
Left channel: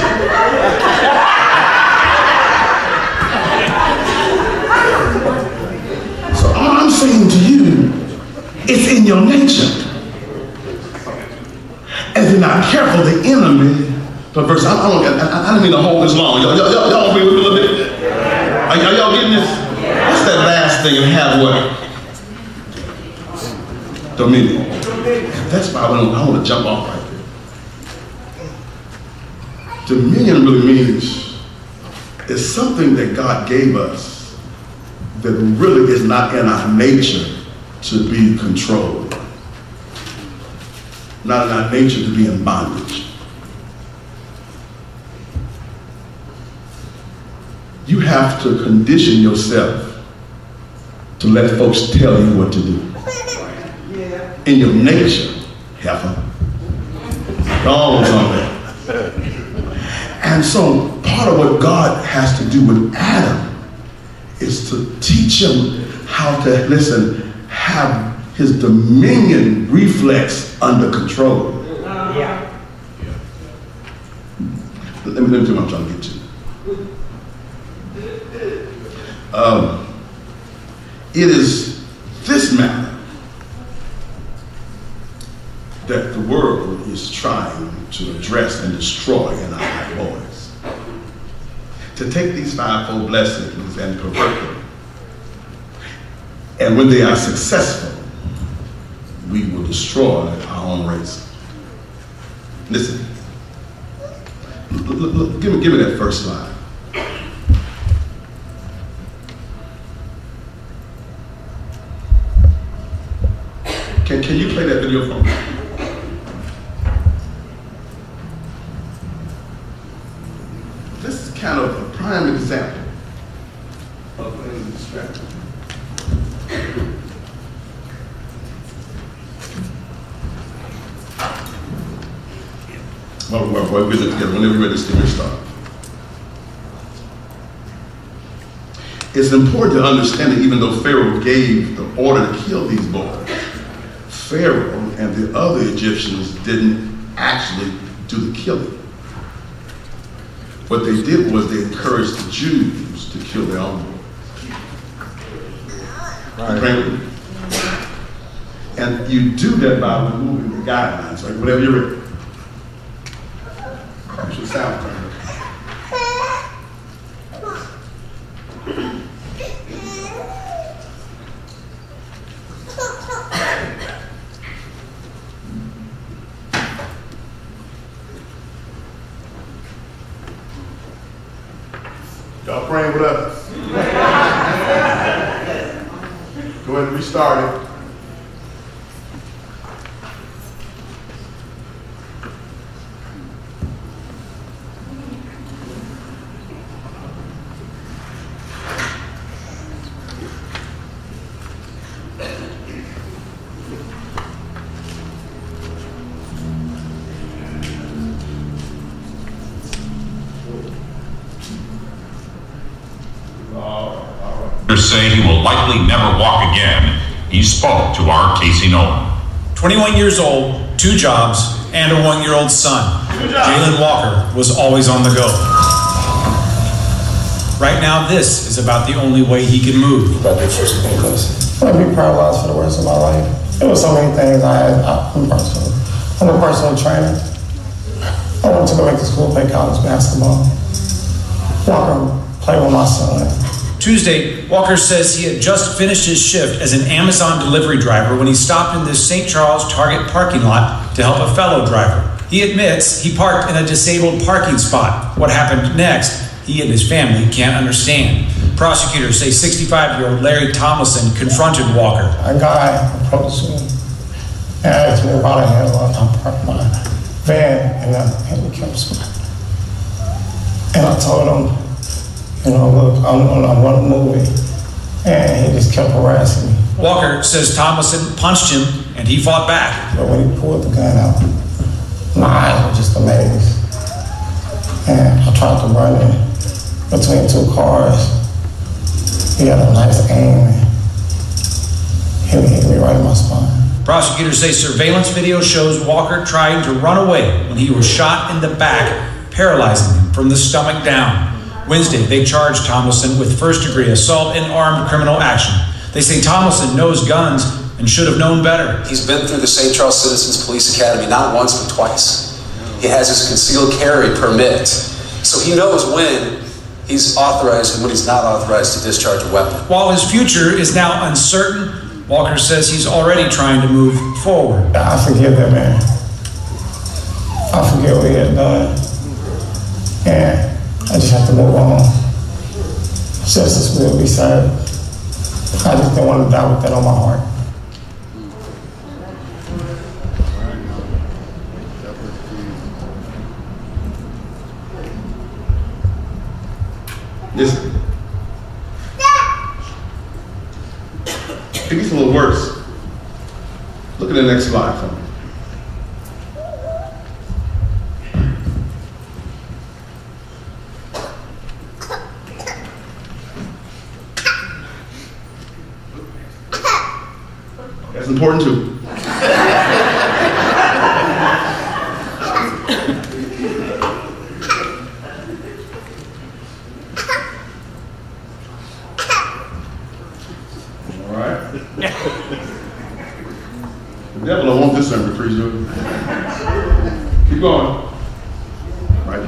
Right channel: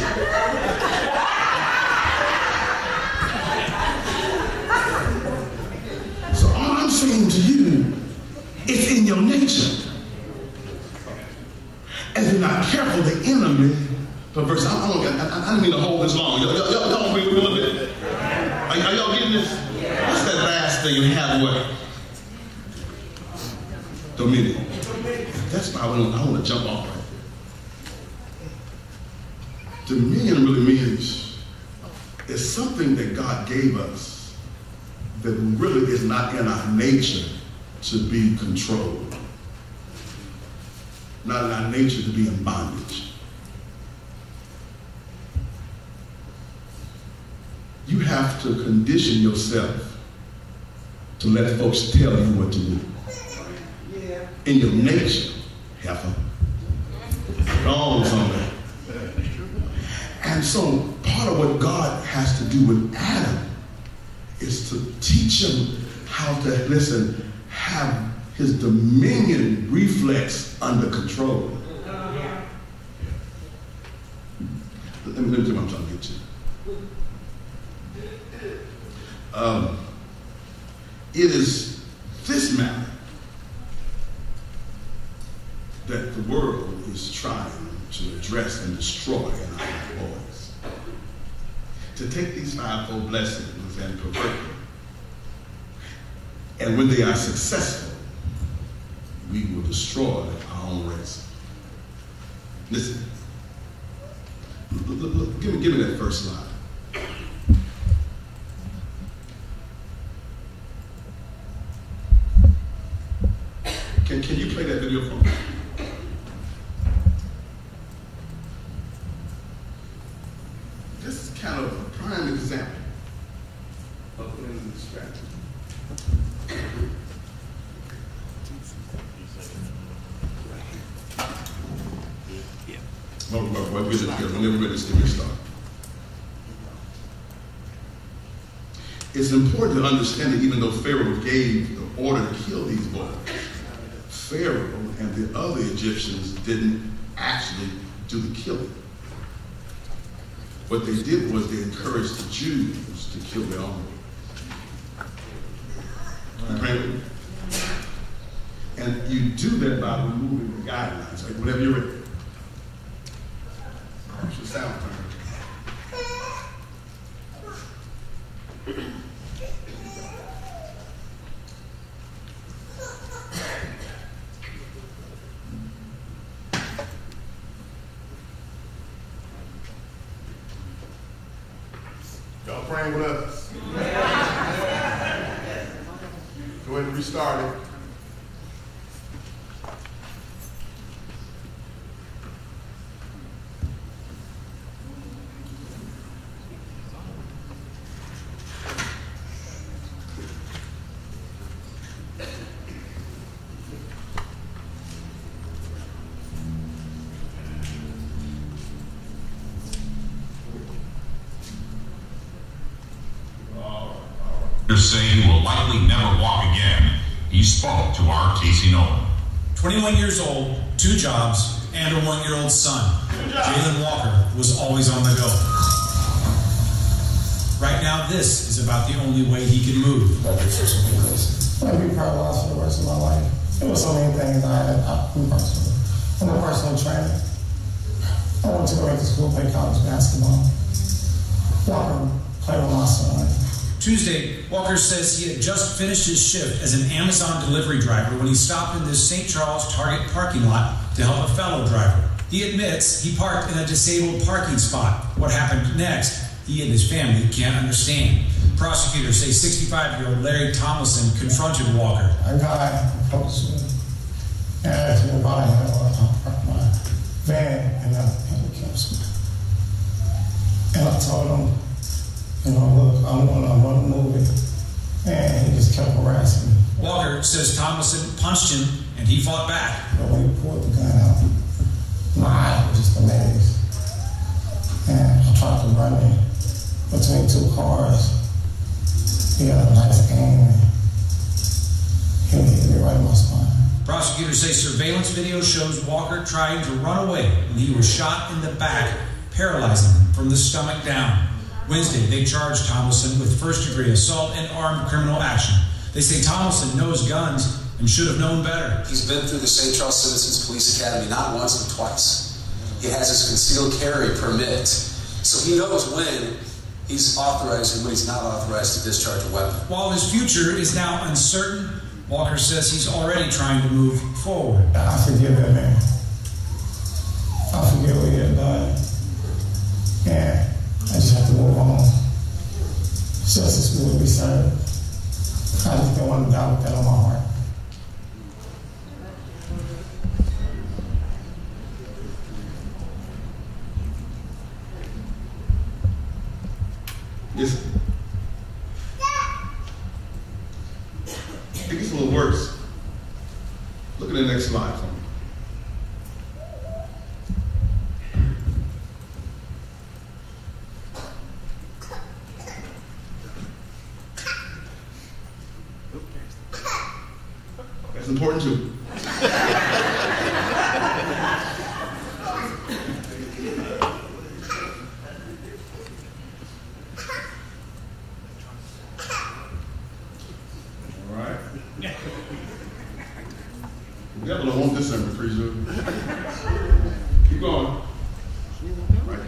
So all I'm saying to you, it's in your nature. And if you're not careful, the enemy perverse. I don't mean to hold this long. Y'all agree with me a little bit? Are y'all getting this? What's that last thing and have what? Dominion. That's why I want to jump off right there. Dominion really means it's something that God gave us that really is not in our nature to be controlled. Not in our nature to be in bondage. You have to condition yourself to let folks tell you what to do. In your nature, heifer. Wrong somewhere. And so part of what God has to do with Adam is to teach him how to, listen, have his dominion reflex under control. Let me tell you what I'm trying to get to. It is this matter that the world is trying to address and destroy in our boys. To take these fivefold blessings and pervert them. And when they are successful, we will destroy our own race. Listen, look, give me that first slide. Can you play that video for me? This is kind of a prime example of things distracting. Well, we'll get it together whenever we're ready to start. It's important to understand that even though Pharaoh gave the order to kill these boys, Pharaoh and the other Egyptians didn't actually do the killing. What they did was they encouraged the Jews to kill their own boys. Right. And you do that by removing the guidelines, right? Whatever you're ready. You should sound right. Y'all praying with us? Go ahead and restart it. Say he will likely never walk again. He spoke to our Casey Nolan. 21 years old, 2 jobs, and a 1-year-old son. Jalen Walker was always on the go. Right now, this is about the only way he can move. I'd be paralyzed for the rest of my life. There were so many things I'm a personal trainer. I wanted to go back to school, play college basketball. Walker, play with my son. Tuesday, Walker says he had just finished his shift as an Amazon delivery driver when he stopped in this St. Charles Target parking lot to help a fellow driver. He admits he parked in a disabled parking spot. What happened next, he and his family can't understand. Prosecutors say 65-year-old Larry Tomlinson confronted Walker. A guy approached me and asked me about a handle. I parked my van in a handicap spot. And I told him, look, I'm going to move it. And he just kept harassing me. Walker says Tomlinson punched him and he fought back. But when he pulled the gun out, my eyes were just amazed. And I tried to run in between 2 cars. He had a nice aim and he hit me right in my spine. Prosecutors say surveillance video shows Walker trying to run away when he was shot in the back, paralyzing him from the stomach down. Wednesday, they charged Tomlinson with first-degree assault and armed criminal action. They say Tomlinson knows guns and should have known better. He's been through the St. Charles Citizens Police Academy not once but twice. He has his concealed carry permit, so he knows when he's authorized and when he's not authorized to discharge a weapon. While his future is now uncertain, Walker says he's already trying to move forward. I forgive that man. I forget what he had done. And I just have to move on. Justice will be served. I just don't want to die with that on my heart. Listen. It gets a little worse. Look at the next slide for me. That's important too. The devil don't want this sermon, preach it. Keep going. Right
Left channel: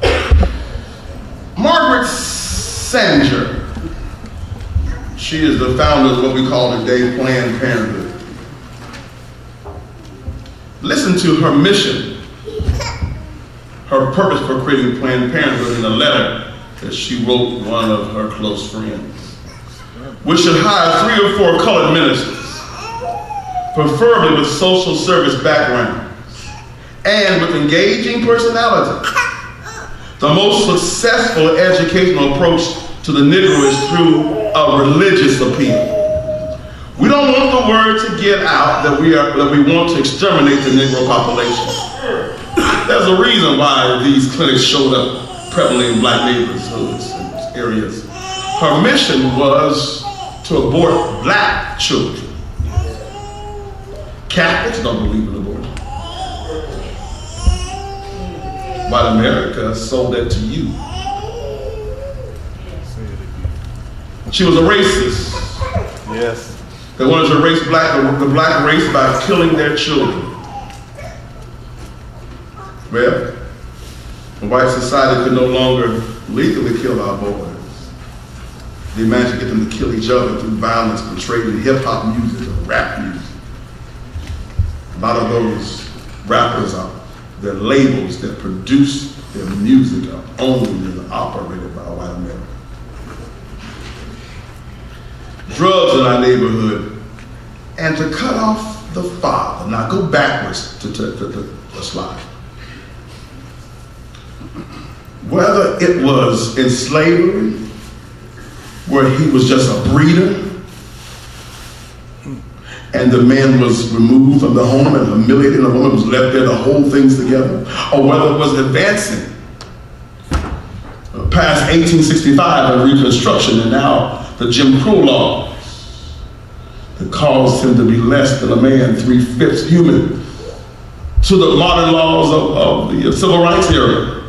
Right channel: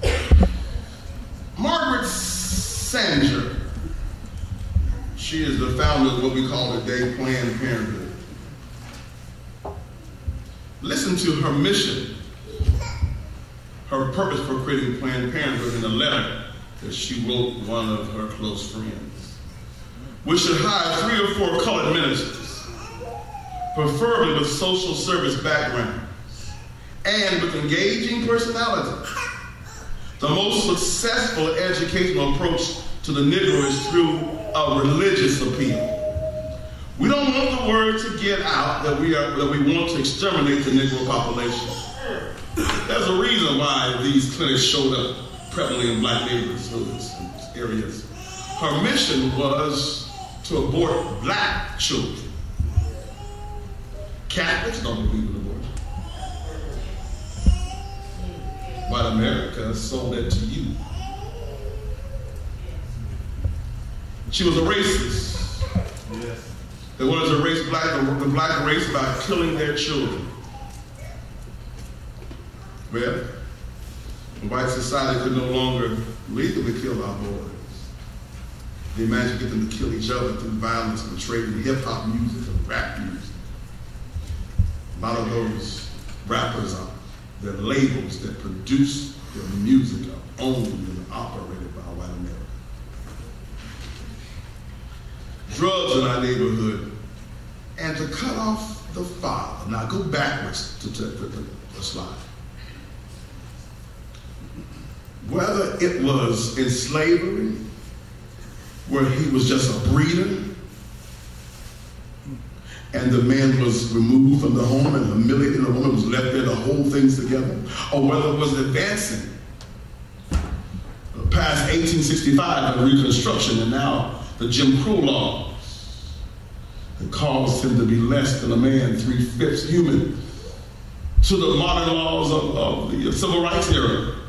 there. Margaret Sanger. She is the founder of what we call today Planned Parenthood. Listen to her mission, her purpose for creating Planned Parenthood in a letter that she wrote one of her close friends. We should hire 3 or 4 colored ministers, preferably with social service backgrounds and with engaging personality. The most successful educational approach to the Negro is through a religious appeal. We don't want the word to get out that we want to exterminate the Negro population. There's a reason why these clinics showed up prevalently in black neighborhoods and areas. Her mission was to abort black children. Catholics don't believe in abortion. White America sold that to you. She was a racist. Yes. They wanted to erase the black race by killing their children. Well, the white society could no longer legally kill our boys. They managed to get them to kill each other through violence portrayed in hip-hop music or rap music. A lot of those rappers their labels that produce their music are owned and operated by white America. Drugs in our neighborhood, and to cut off the father. Now go backwards to the slide. Whether it was in slavery, where he was just a breeder, and the man was removed from the home and humiliated, and the woman was left there to hold things together, or whether it was advancing past 1865 and Reconstruction, and now the Jim Crow laws that caused him to be less than a man, 3/5 human, to the modern laws of the civil rights era,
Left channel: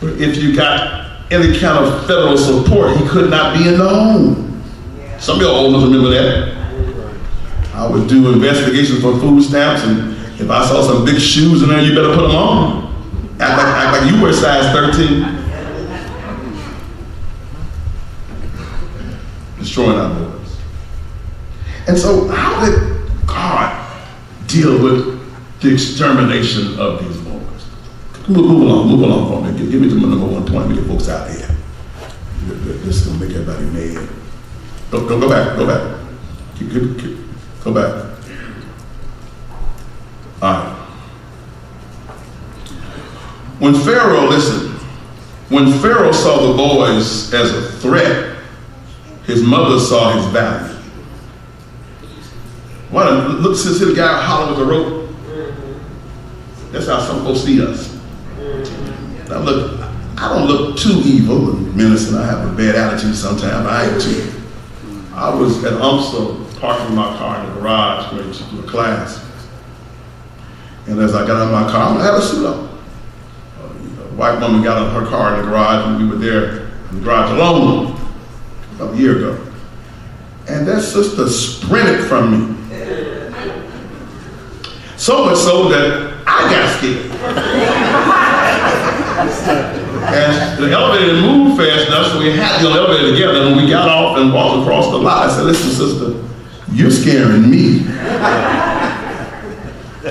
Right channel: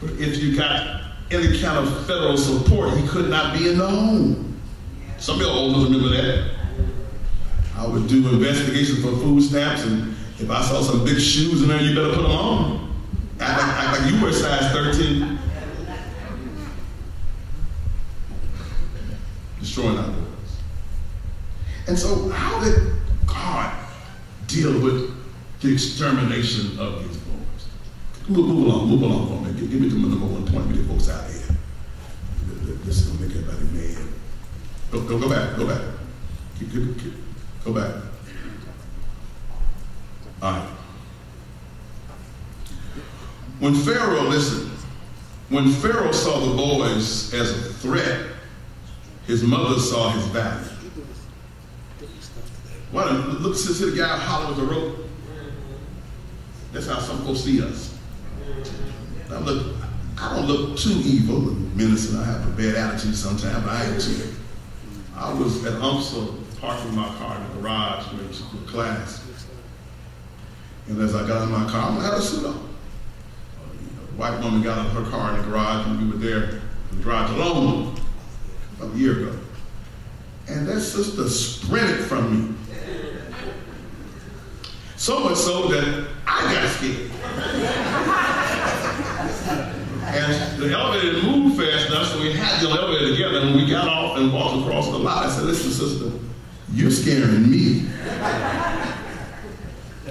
where if you got any kind of federal support, he could not be in the home. Some of y'all old enough to remember that. I would do investigations for food stamps, and if I saw some big shoes in there, you better put them on. Act like you were size 13. Destroying our boys. And so how did God deal with the extermination of these boys? Move along for me. Give me the number 1 point. Let me get folks out here. This is going to make everybody mad. Go back. Go back. All right. When Pharaoh saw the boys as a threat, his mother saw his value. Look, see the guy hollering with the rope? That's how some folks see us. Now look, I don't look too evil and menacing. I have a bad attitude sometimes. I am too. I was at UMSA parking my car in the garage going to do a class. And as I got out of my car, I had a suit on. A white woman got out of her car in the garage, and we were there in the garage alone about a year ago. And that sister sprinted from me. So much so that I got scared. And the elevator didn't move fast enough, so we had to get on the elevator together. And when we got off and walked across the lot, I said, listen, sister, you're scaring me.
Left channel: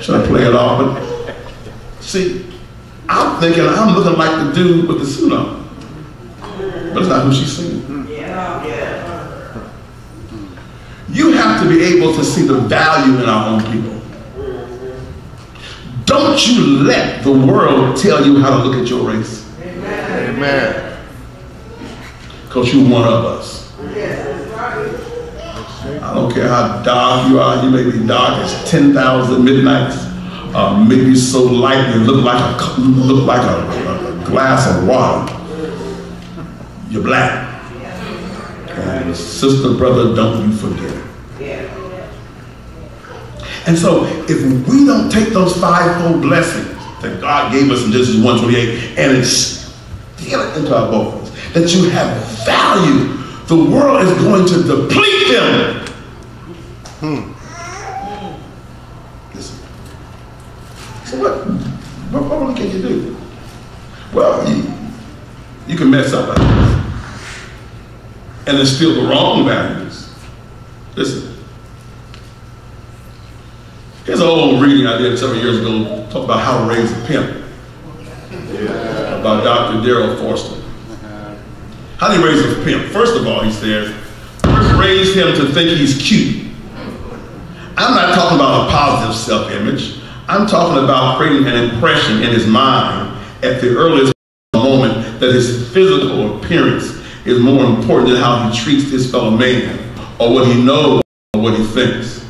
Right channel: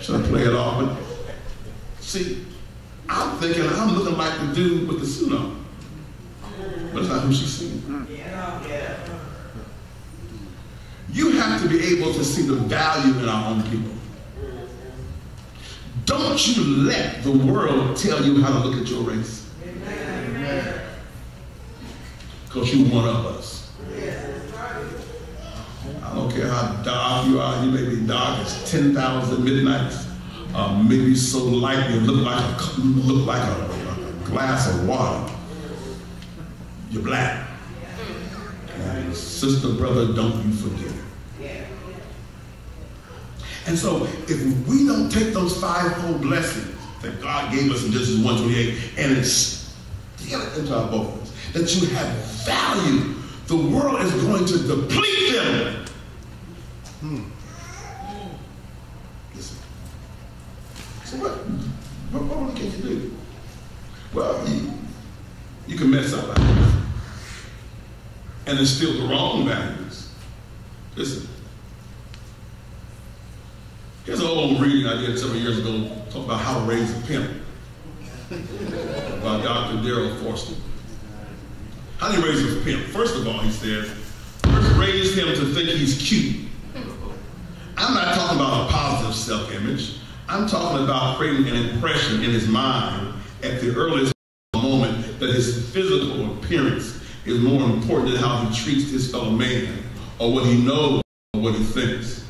Trying to play it off, but see, I'm thinking I'm looking like the dude with the suit on. But it's not who she's seeing. You have to be able to see the value in our own people. Don't you let the world tell you how to look at your race. Amen. Because you're one of us. I don't care how dark you are. You may be dark as 10,000 midnights. Maybe so light you look like a glass of water. You're black. And sister, brother, don't you forget it. And so if we don't take those fivefold blessings that God gave us in Genesis 1:28 and instill it into our bones, that you have value, the world is going to deplete them. you can mess up like this and instill the wrong values. Listen, here's an old reading I did several years ago, talk about how to raise a pimp, about Dr. Darrell Forster. How do you raise a pimp? First of all, he says, first raise him to think he's cute. I'm not talking about a positive self-image. I'm talking about creating an impression in his mind at the earliest moment that his physical appearance is more important than how he treats his fellow man, or what he knows, or what he thinks.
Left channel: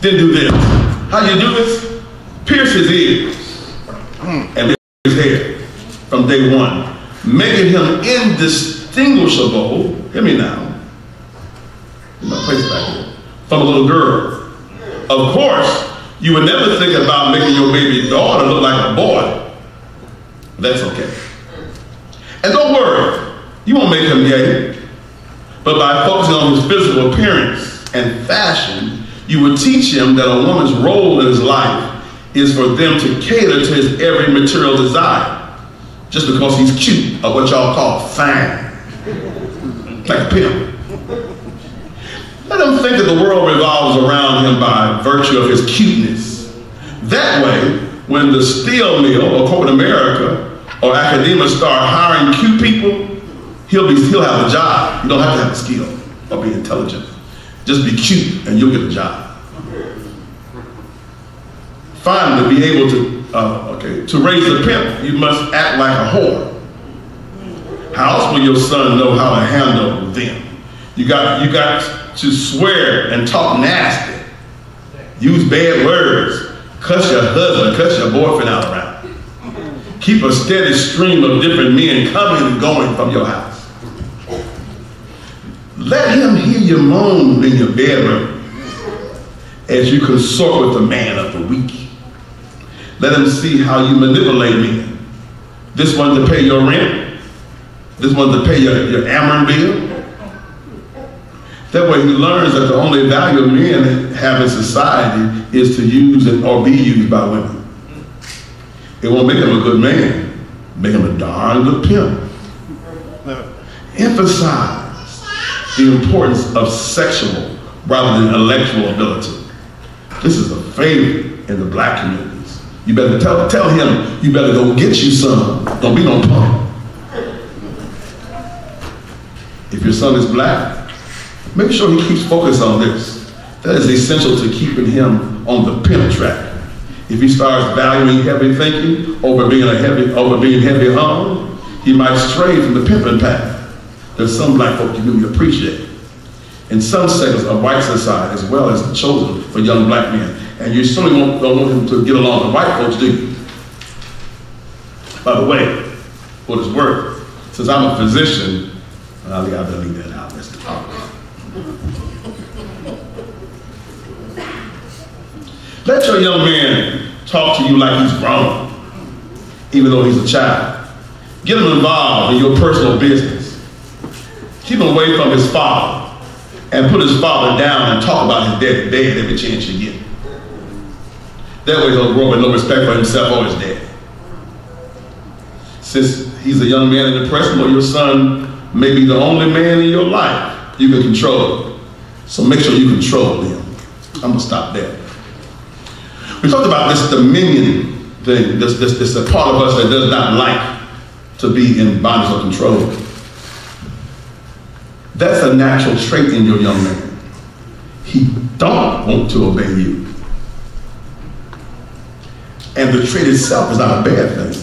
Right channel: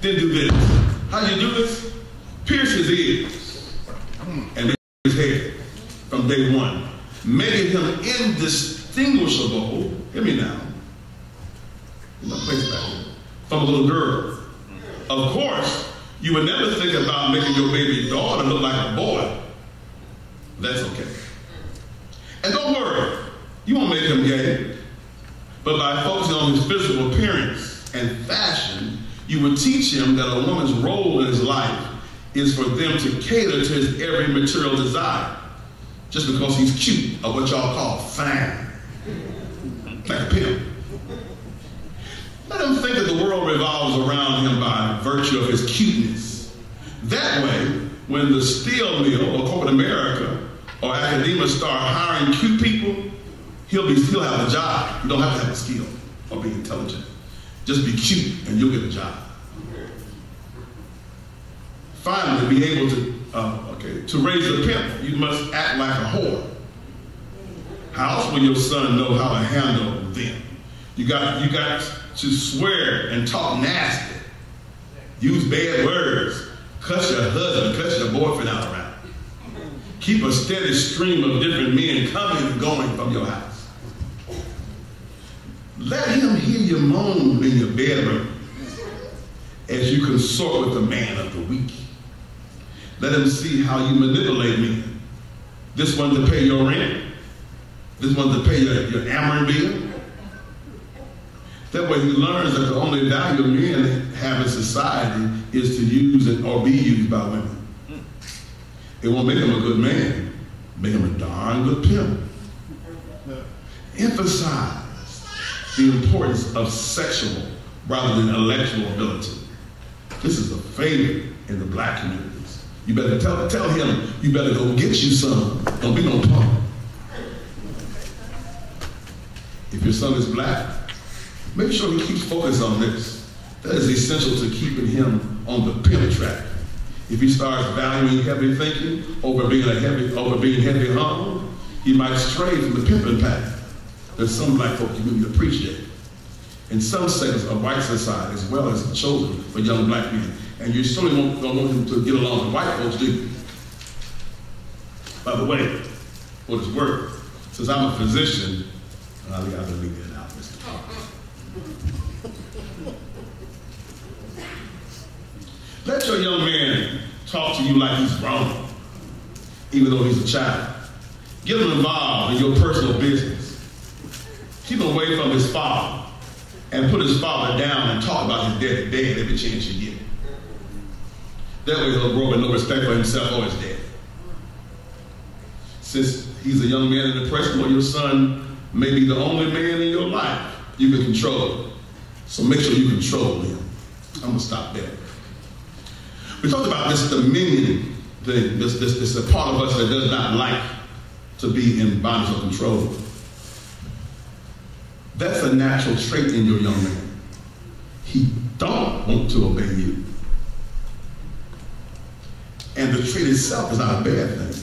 Then do this. How you do this? Pierce his ears and his hair from day one, making him indistinguishable, hear me now, in my place back here, from a little girl. Of course, you would never think about making your baby daughter look like a boy. That's okay. And don't worry, you won't make him gay. But by focusing on his physical appearance and fashion, you would teach him that a woman's role in his life is for them to cater to his every material desire, just because he's cute, or what y'all call fine, like a pimp. Let him think that the world revolves around him by virtue of his cuteness. That way, when the steel mill or corporate America or academia start hiring cute people, he'll have a job. You don't have to have a skill or be intelligent. Just be cute and you'll get a job. Finally, to be able to raise a pimp, you must act like a whore. How else will your son know how to handle them? You got to swear and talk nasty, use bad words, cuss your husband, cuss your boyfriend out around. Keep a steady stream of different men coming and going from your house. Let him hear you moan in your bedroom as you consort with the man of the week. Let him see how you manipulate men. This one to pay your rent. This one to pay your Ameren bill. That way he learns that the only value men have in society is to use it or be used by women. It won't make him a good man, make him a darn good pimp. Emphasize the importance of sexual rather than intellectual ability. This is a favorite in the black communities. You better tell him, you better go get you some. Don't be no punk. If your son is black, make sure he keeps focused on this. That is essential to keeping him on the pimp track. If he starts valuing heavy thinking over being heavy hung, he might stray from the pimping path. There's some black folk you really appreciate. In some segments of white society, as well as chosen for young black men. And you certainly don't want him to get along with white folks, do you? By the way, for what it's worth, since I'm a physician, I better leave that out. Mr. Thomas. Let your young man talk to you like he's grown, even though he's a child. Get him involved in your personal business. Keep him away from his father and put his father down and talk about his daddy dead every chance you get. That way he'll grow up with no respect for himself or his dad. Since he's a young man in the present, or your son may be the only man in your life you can control. So make sure you control him. I'm gonna stop there. We talked about this dominion thing, this a part of us that does not like to be in bondage or control. That's a natural trait in your young man. He don't want to obey you. And the trait itself is not a bad thing.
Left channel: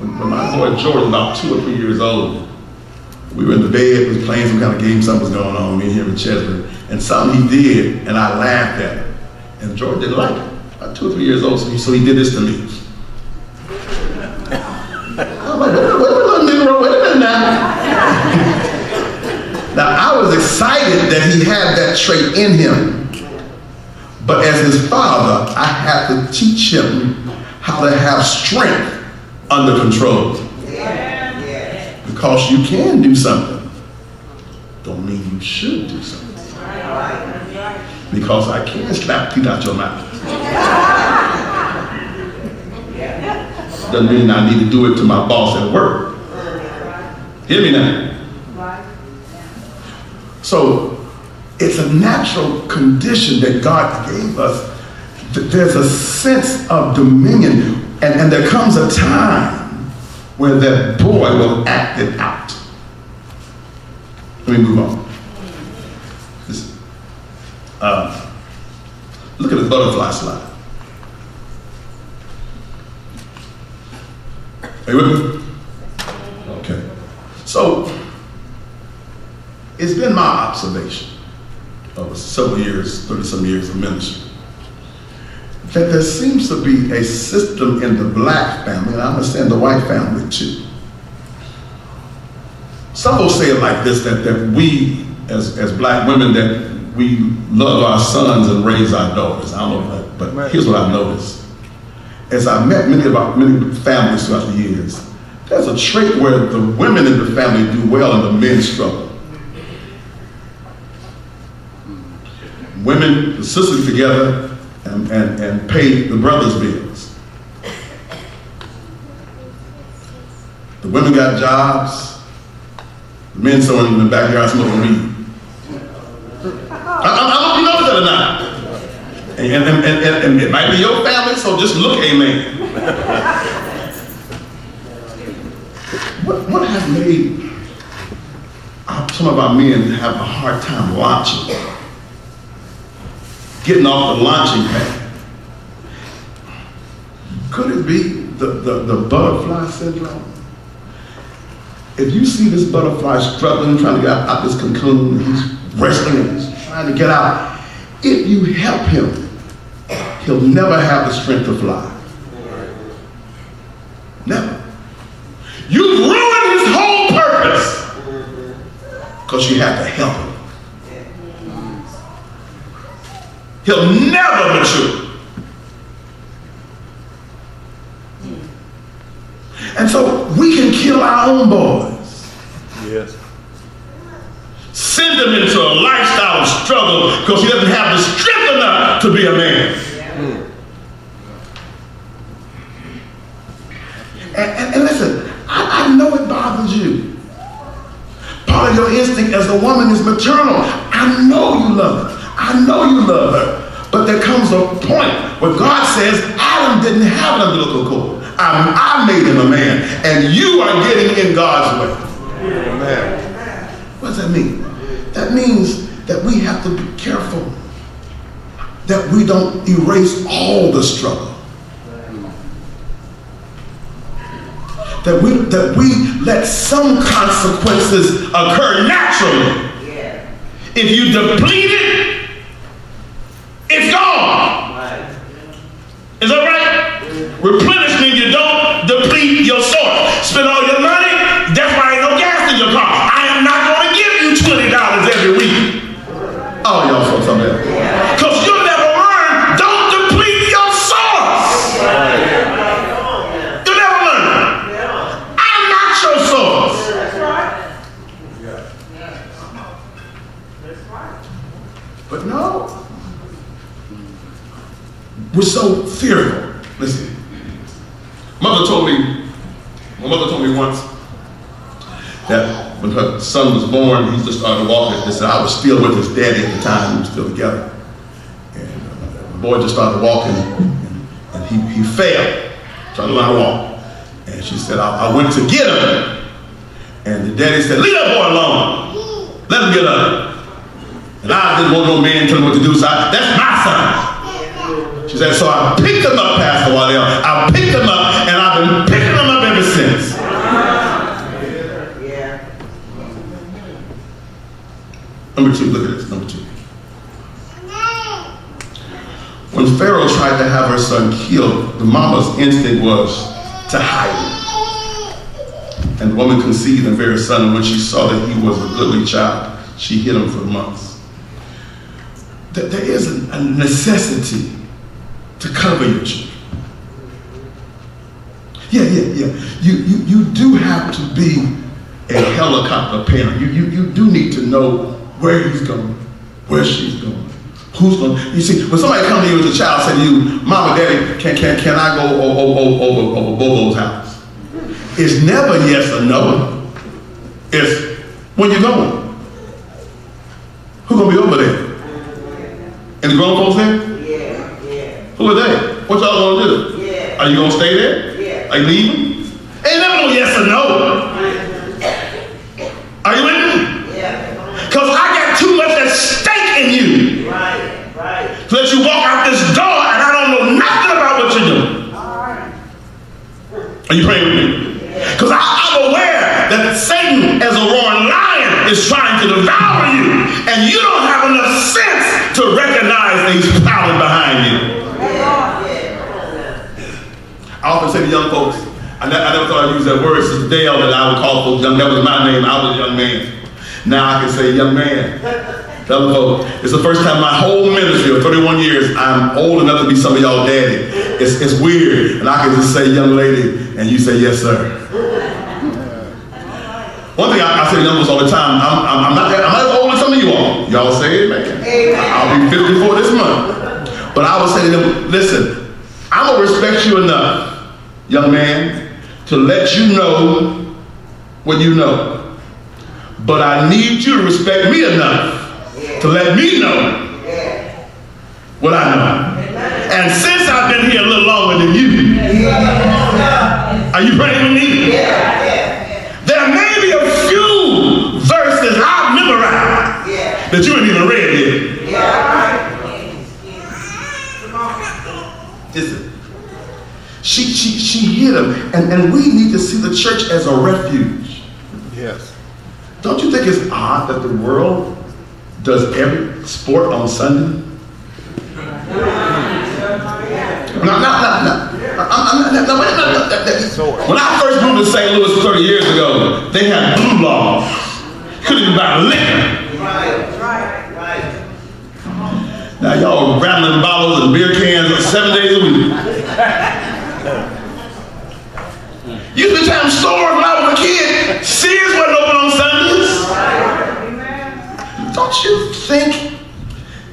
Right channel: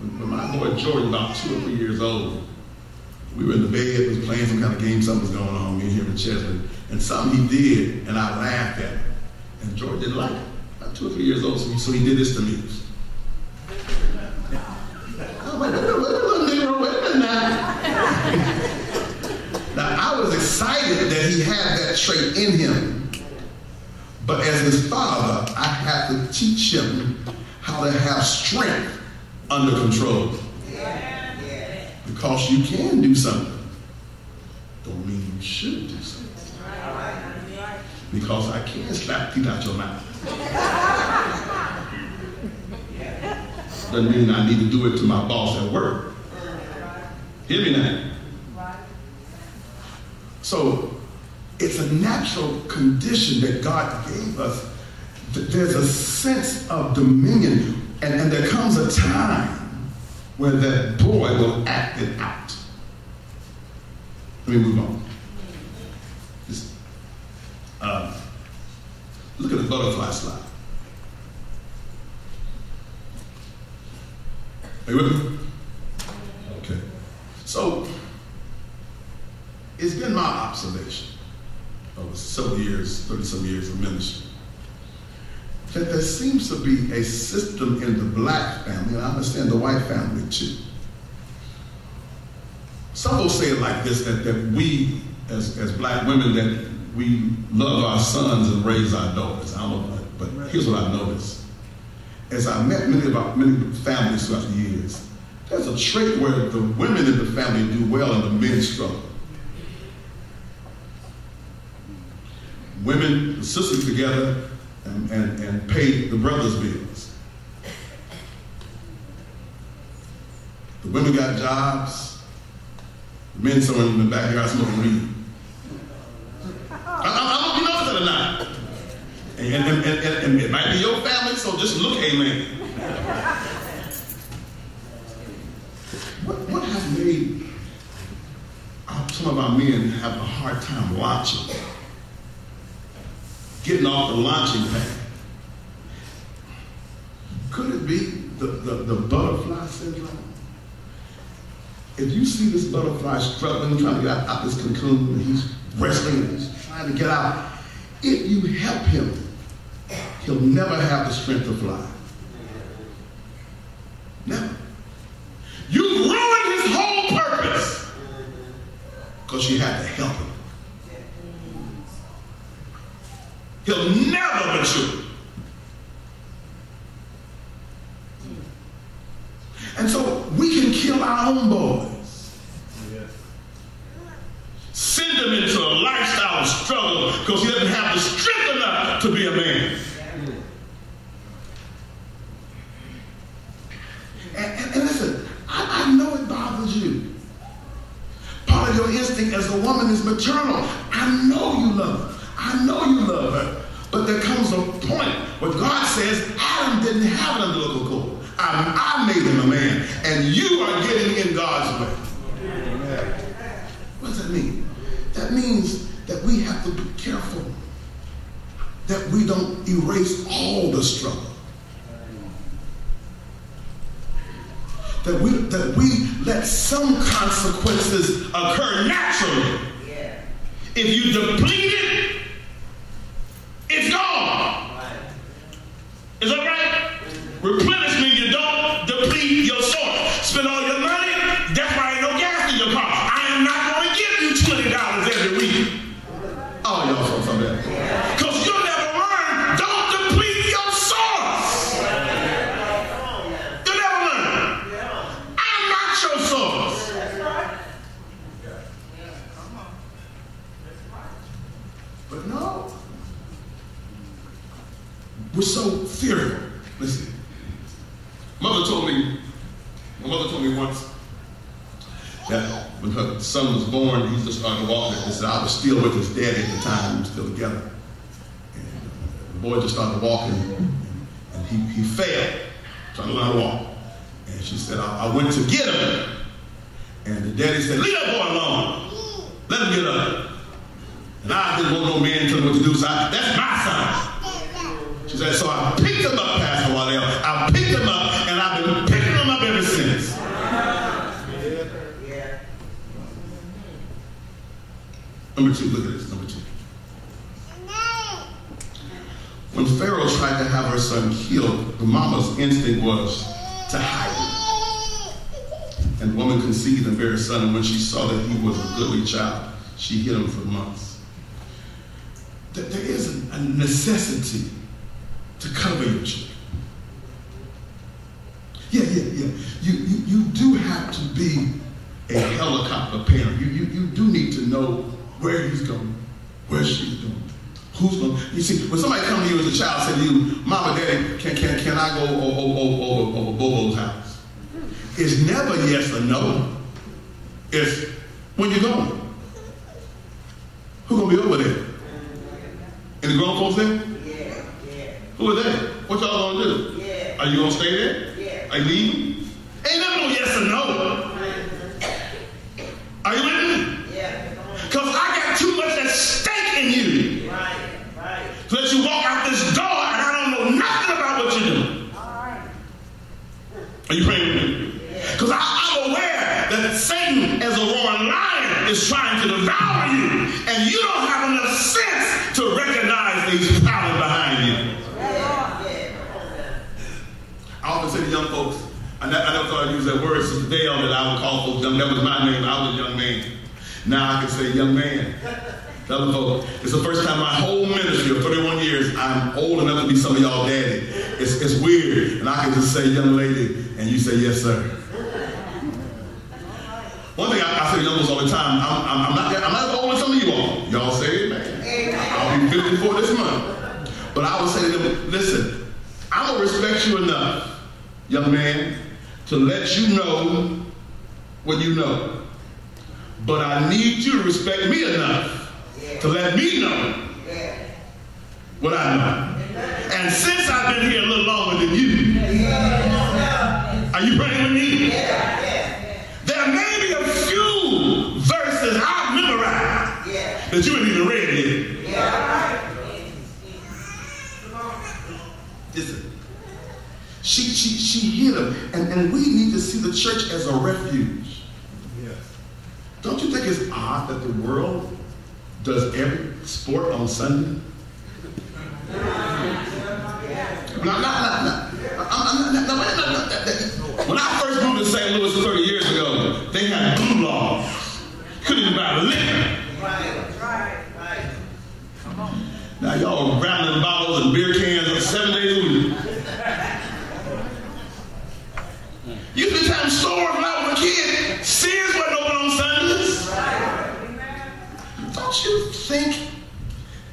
When my boy George was about 2 or 3 years old, we were in the bed, was playing some kind of game, something was going on, me and him in Chesbury, and something he did, and I laughed at him. And George didn't like it. About 2 or 3 years old, so he did this to me. I'm like, wait a minute now. Now, I was excited that he had that trait in him. But as his father, I had to teach him how to have strength under control. Because you can do something, don't mean you should do something. Because I can slap teeth out your mouth. Doesn't mean I need to do it to my boss at work. Hear me now. So it's a natural condition that God gave us. There's a sense of dominion, and there comes a time where that boy will act it out. Let me move on. Look at the butterfly slide. Are you with me? Okay. So, it's been my observation over several years, 30-some years of ministry, that there seems to be a system in the black family, and I understand the white family too. Some will say it like this, that we, as black women, that we love our sons and raise our daughters. I don't know, but here's what I've noticed. As I've met many families throughout the years, there's a trait where the women in the family do well and the men struggle. Women, the sisters together and pay the brothers' bills. The women got jobs, the men sitting in the backyard smoking weed. I don't know if that or not. And it might be your family, so just look, amen. What has made some of our men have a hard time launching, getting off the launching pad? Could it be the butterfly syndrome? If you see this butterfly struggling, trying to get out this cocoon, he's wrestling and he's trying to get out, if you help him, he'll never have the strength to fly. Never. You've ruined his whole purpose because you have to help him. He'll never mature. And so we can kill our own boys. Yes. Send him into a lifestyle of struggle because he doesn't have the strength enough to be a man. And listen, I know it bothers you. Part of your instinct as a woman is maternal. I know you love her. I know you love her. But there comes a point where God says, Adam didn't have an umbilical cord. I made him a man. And you are getting in God's way. Amen. What does that mean? That means that we have to be careful that we don't erase all the struggle. That we let some consequences occur naturally. Yeah. If you deplete it, it's gone. Right. Is that right? Replenishment, you don't deplete your source. Spend all your money, that's why ain't no gas in your car. I am not going to give you $20 every week. Oh, y'all saw something else. Because you'll never learn, don't deplete your source. You'll never learn. I'm not your source. That's right. But no. We're so fearful. Listen. My mother told me once that when her son was born, he just started walking. They said, I was still with his daddy at the time, we were still together. And the boy just started walking, and he fell, trying to learn how to walk. And she said, I went to get him. And the daddy said, leave that boy alone. Let him get up. And I didn't want no man telling him what to do, so that's my son. She said, so I picked him up, Pastor Waddell. I picked him up, and I've been picking him up ever since. Yeah. Number two, look at this, number two. When Pharaoh tried to have her son killed, the mama's instinct was to hide him. And the woman conceived and bare a son, and when she saw that he was a goodly child, she hid him for months. There is a necessity to cover your children. Yeah. You do have to be a helicopter parent. You do need to know where he's going, where she's going, who's going. You see, when somebody comes to you as a child, say to you, Mama, Daddy, can I go over Bobo's house? It's never yes or no. is when you're going. Who's going to be over there? Any grown folks there? Who are they? What y'all going to do? Are you going to stay there? Are you leaving? Ain't never no yes or no. Are you with me? Because I got too much at stake in you. To let you walk out this door and I don't know nothing about what you're doing. Are you praying with me? Because I'm aware that Satan, as a roaring lion, is trying to devour you, and you don't have enough sense to recognize that he's prowling behind you. I often say to young folks, I never thought I'd use that word, Sister Dale, that I would call folks young. That was my name. I was a young man. Now I can say young man. Tell them folks, it's the first time in my whole ministry of 31 years I'm old enough to be some of y'all daddy. It's weird, and I can just say young lady, and you say yes, sir. One thing I say to young folks all the time, I'm not as old as some of you all. Y'all say amen. I'll be 54 this month. But I would say to them, listen, I'm going to respect you enough, young man, to let you know what you know. But I need you to respect me enough to let me know what I know. And since I've been here a little longer than you, are you praying with me? There may be a few verses I've memorized that you ain't even read yet. Listen, she hit him, and we need to see the church as a refuge. Yes. Don't you think it's odd that the world does every sport on Sunday? No. When I first moved to St. Louis 30 years ago, they had blue laws. Couldn't even buy liquor. Now y'all rattling bottles and beer cans 7 days a week. Used to have stores when I was a kid. Sears wasn't open on Sundays. Don't you think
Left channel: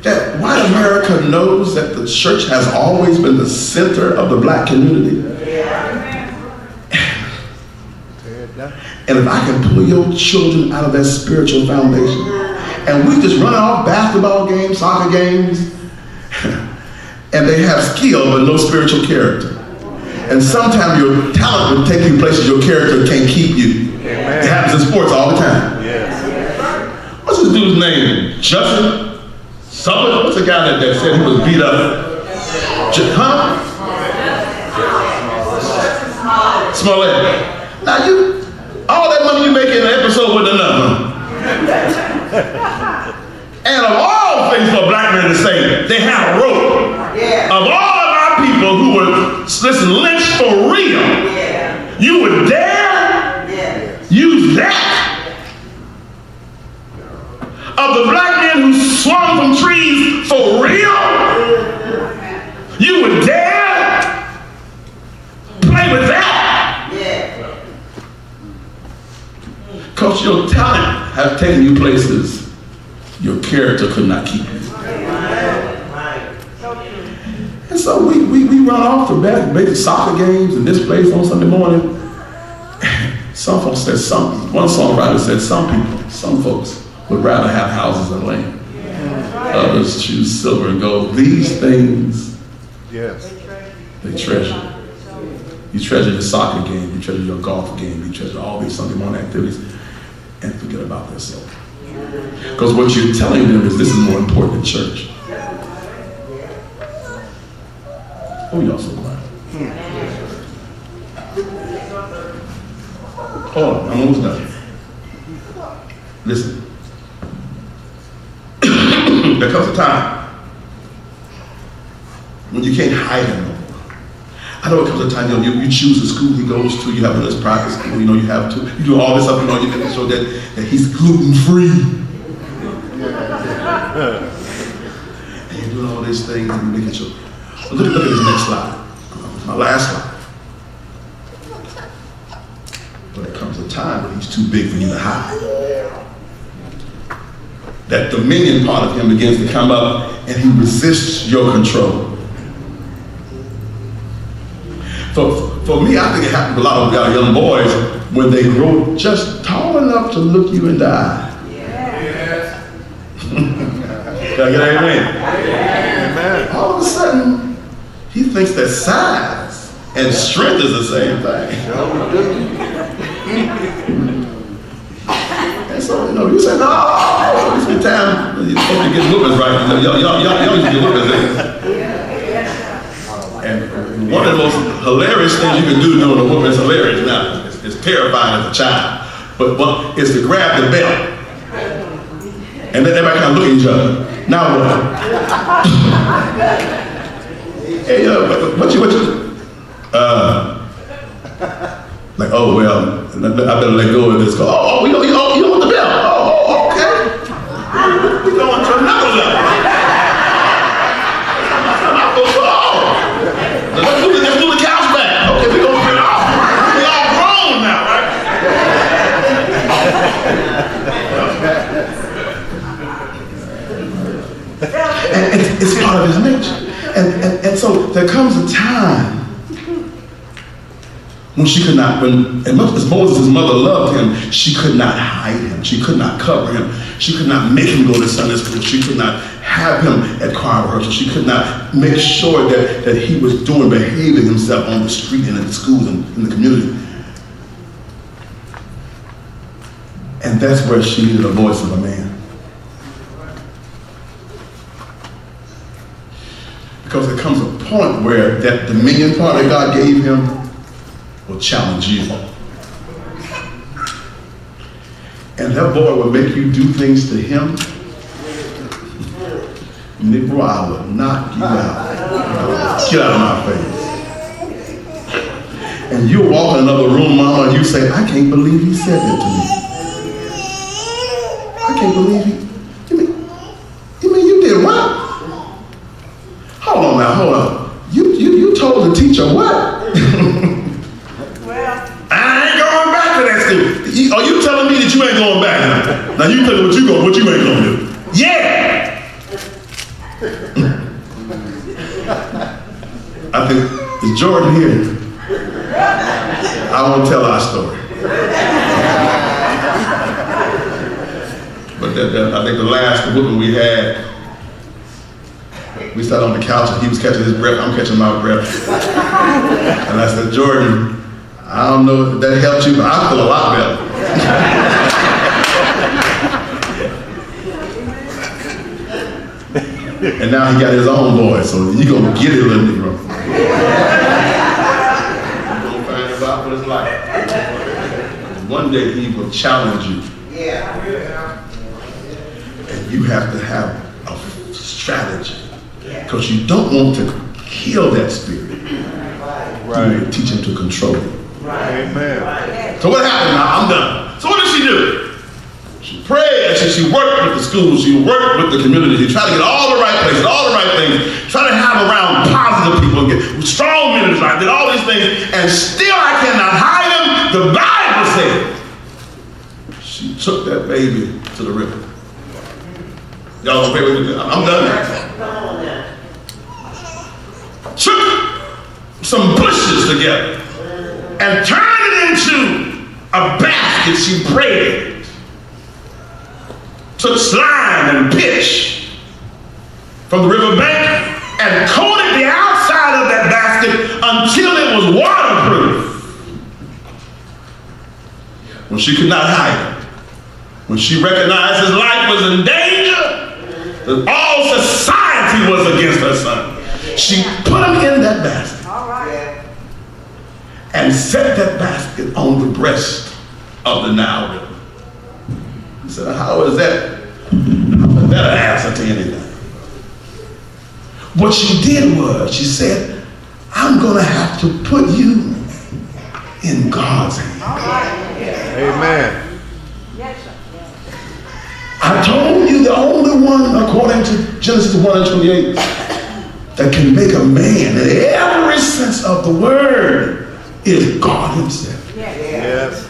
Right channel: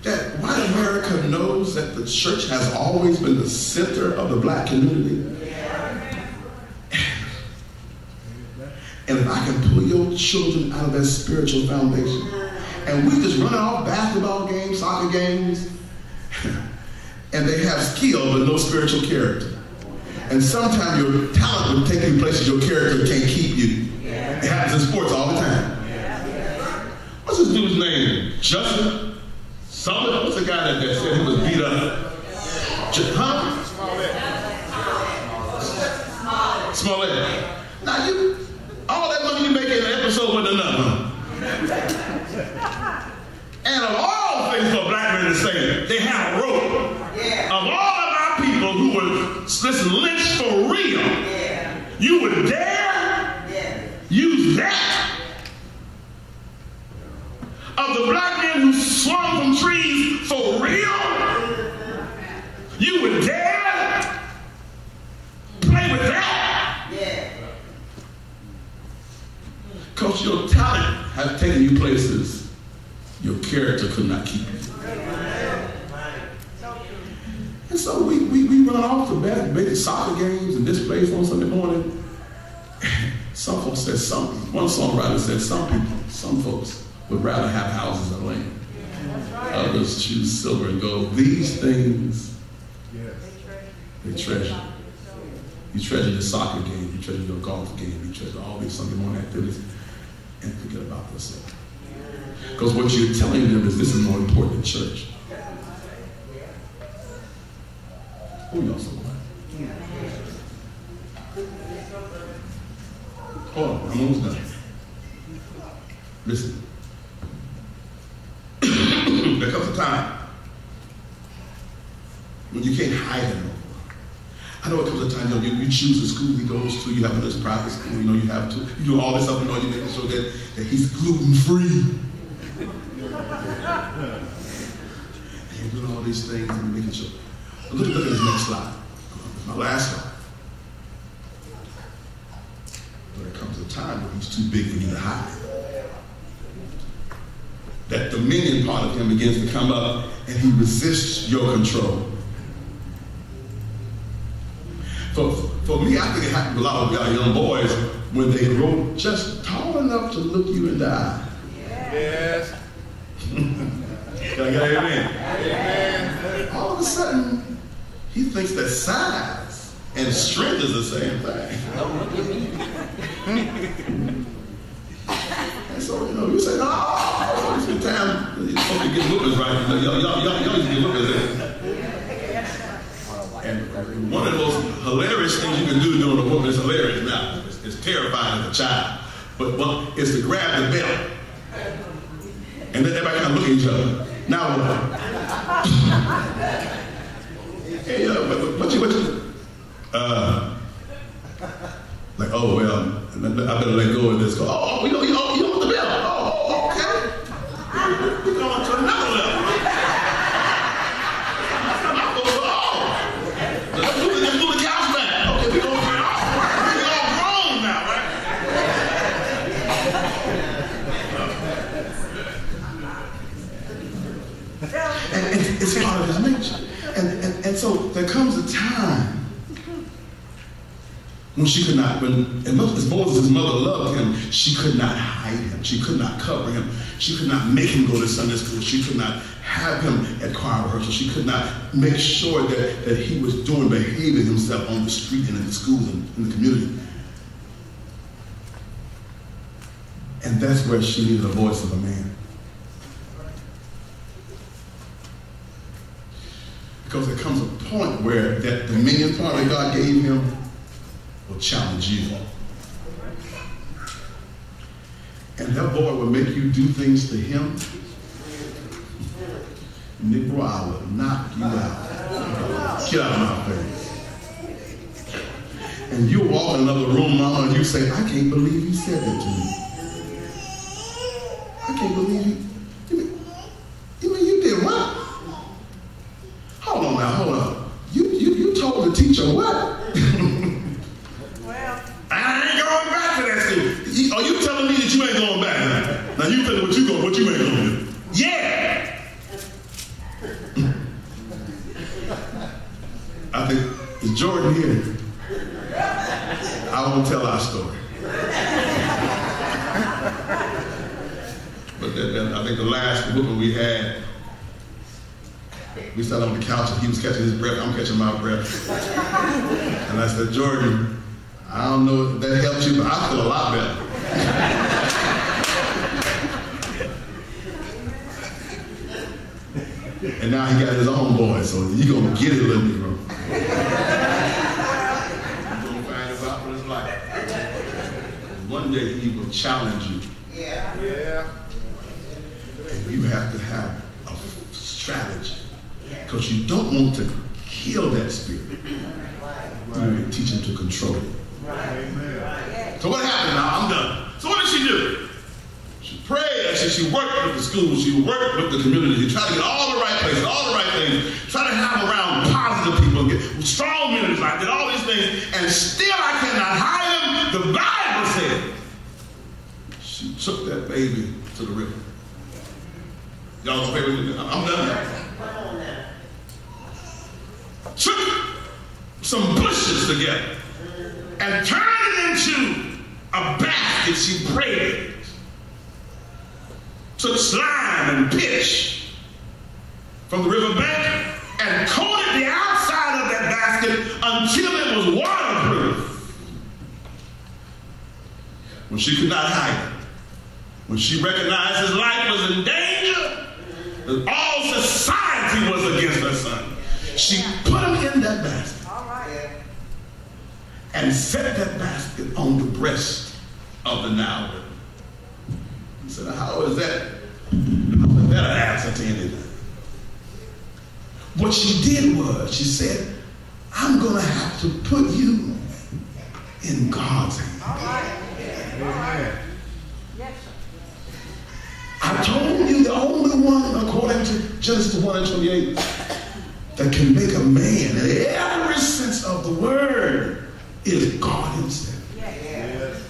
that white America knows that the church has always been the center of the black community? And if I can pull your children out of that spiritual foundation, and we just run off basketball games, soccer games, and they have skill but no spiritual character. And sometimes your talent will take you places your character can't keep you. It happens in sports all the time. What's this dude's name? Justin? Somebody? What's the guy that said he was beat up? Huh? Smollett. Now all that money you make in the episode wasn't enough, huh? And of all things for a black man to say, they had a rope. Of all of our people who were, listen, lynched for real, you would dare use that? Of the black men who swung from trees for real, you would dare play with that? Because your talent has taken you places your character could not keep you. And so we run off to basic soccer games and this place on Sunday morning. Some folks said one songwriter said some folks would rather have houses and land. Others choose silver and gold. These things, they treasure. You treasure your soccer game, you treasure your golf game, you treasure all these Sunday morning activities, and forget about their soul. Because what you're telling them is this is more important than church. Oh, y'all so quiet. Oh, I'm almost done. Listen. There comes a time when you can't hide him no more. I know it comes a time, you choose the school he goes to, you have this private school, you have to, you do all this up and on, you make sure that he's gluten-free. And you're doing all these things and you're making sure. Look at this next slide. My last slide. But there comes a time when he's too big for you to hide. That dominion part of him begins to come up and he resists your control. For me, I think it happens with a lot of young boys. when they grow just tall enough to look you in the eye. Yes. Can I get an amen? Amen. All of a sudden, he thinks that size and strength is the same thing. And so, you say, no, it's the time you're supposed to get whoopers right. Y'all used to get whoopers. And one of the most hilarious things you can do during the whooping is hilarious. Now, it's terrifying as a child. But it's to grab the belt. And then everybody kind of look at each other. Now what? Hey, what you? Like, oh, well, I better let go of this. Oh, you want the belt? Oh, okay. We're going to another level. Let's do the couch back. Okay, we're going to get off. We're all grown now, right? And it's part of his nature. And so there comes a time when she could not, as Moses' mother loved him, she could not hide him. She could not cover him. She could not make him go to Sunday school. She could not have him at choir rehearsal. She could not make sure that he was behaving himself on the street and in the schools and in the community. And that's where she needed the voice of a man. Because there comes a point where that dominion part that God gave him will challenge you. And that boy will make you do things to him. Negro, I will knock you out. Get out of my face. And you walk in another room, mama, and you say, I can't believe he said that to me. I can't believe he. You mean you did what? Hold on now, hold on. You told the teacher what? Well, I ain't going back to that school. Are you telling me that you ain't going back now? Now you tell me what you ain't gonna do. Yeah! I think, is Jordan here? I won't tell our story. But I think the last whooping we had, we sat on the couch and he was catching his breath, I'm catching my breath. And I said, Jordan, I don't know if that helped you, but I feel a lot better. And now he got his own voice, so you're going to get it, little Negro. You're going to find out what it's like. And one day he will challenge you. yeah. And you have to have a strategy. Because you don't want to kill that spirit. Right. You teach him to control it. Amen. So what happened now? I'm done. So what did she do? She prayed, she worked with the schools, she worked with the community, she tried to get all the right places, all the right things, try to have around positive people, get strong ministers, I did all these things, and still I cannot hide them. The Bible said she took that baby to the river. Y'all pray with me? I'm done. Took some bushes together and turned it into a basket. She braided. Took slime and pitch from the river bank and coated the outside of that basket until it was waterproof. When she could not hide it, when she recognized his life was in danger, that all society was against her son, she put him in that basket. All right. And set that basket on the breast of the Nile River. He said, how is that? How is that an answer to anything? What she did was, she said, I'm going to have to put you in God's hands. All right. Amen. Yes, sir. I told you the only one, according to Genesis 1 and 28, that can make a man in every sense of the word is God himself. Yes.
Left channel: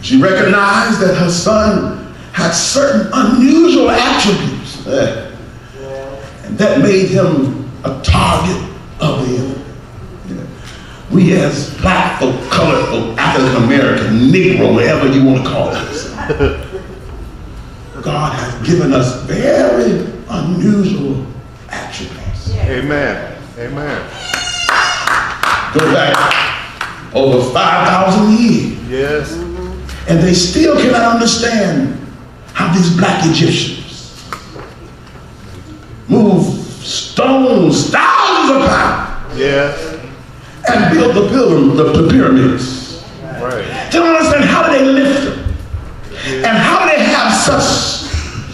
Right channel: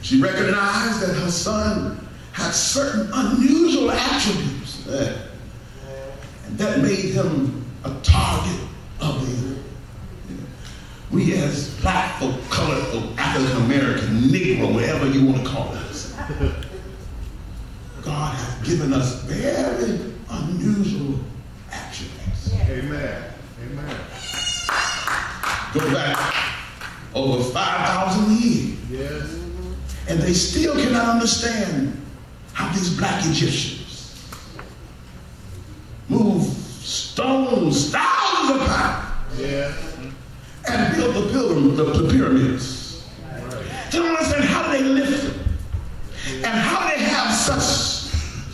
She recognized that her son had certain unusual attributes, and that made him a target of the enemy. We as black folk, colored folk, African American, Negro, whatever you want to call it. God has given us very unusual attributes. Amen. Amen. Go back over 5,000 years. Yes. And they still cannot understand how these black Egyptians move stones thousands of pounds Yes. and build the pyramids. Right. They don't understand how do they lift them and how do they have such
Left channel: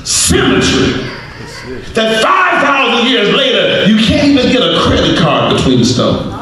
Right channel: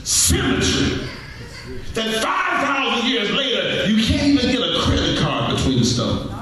symmetry that 5,000 years later you can't even get a credit card between the stones.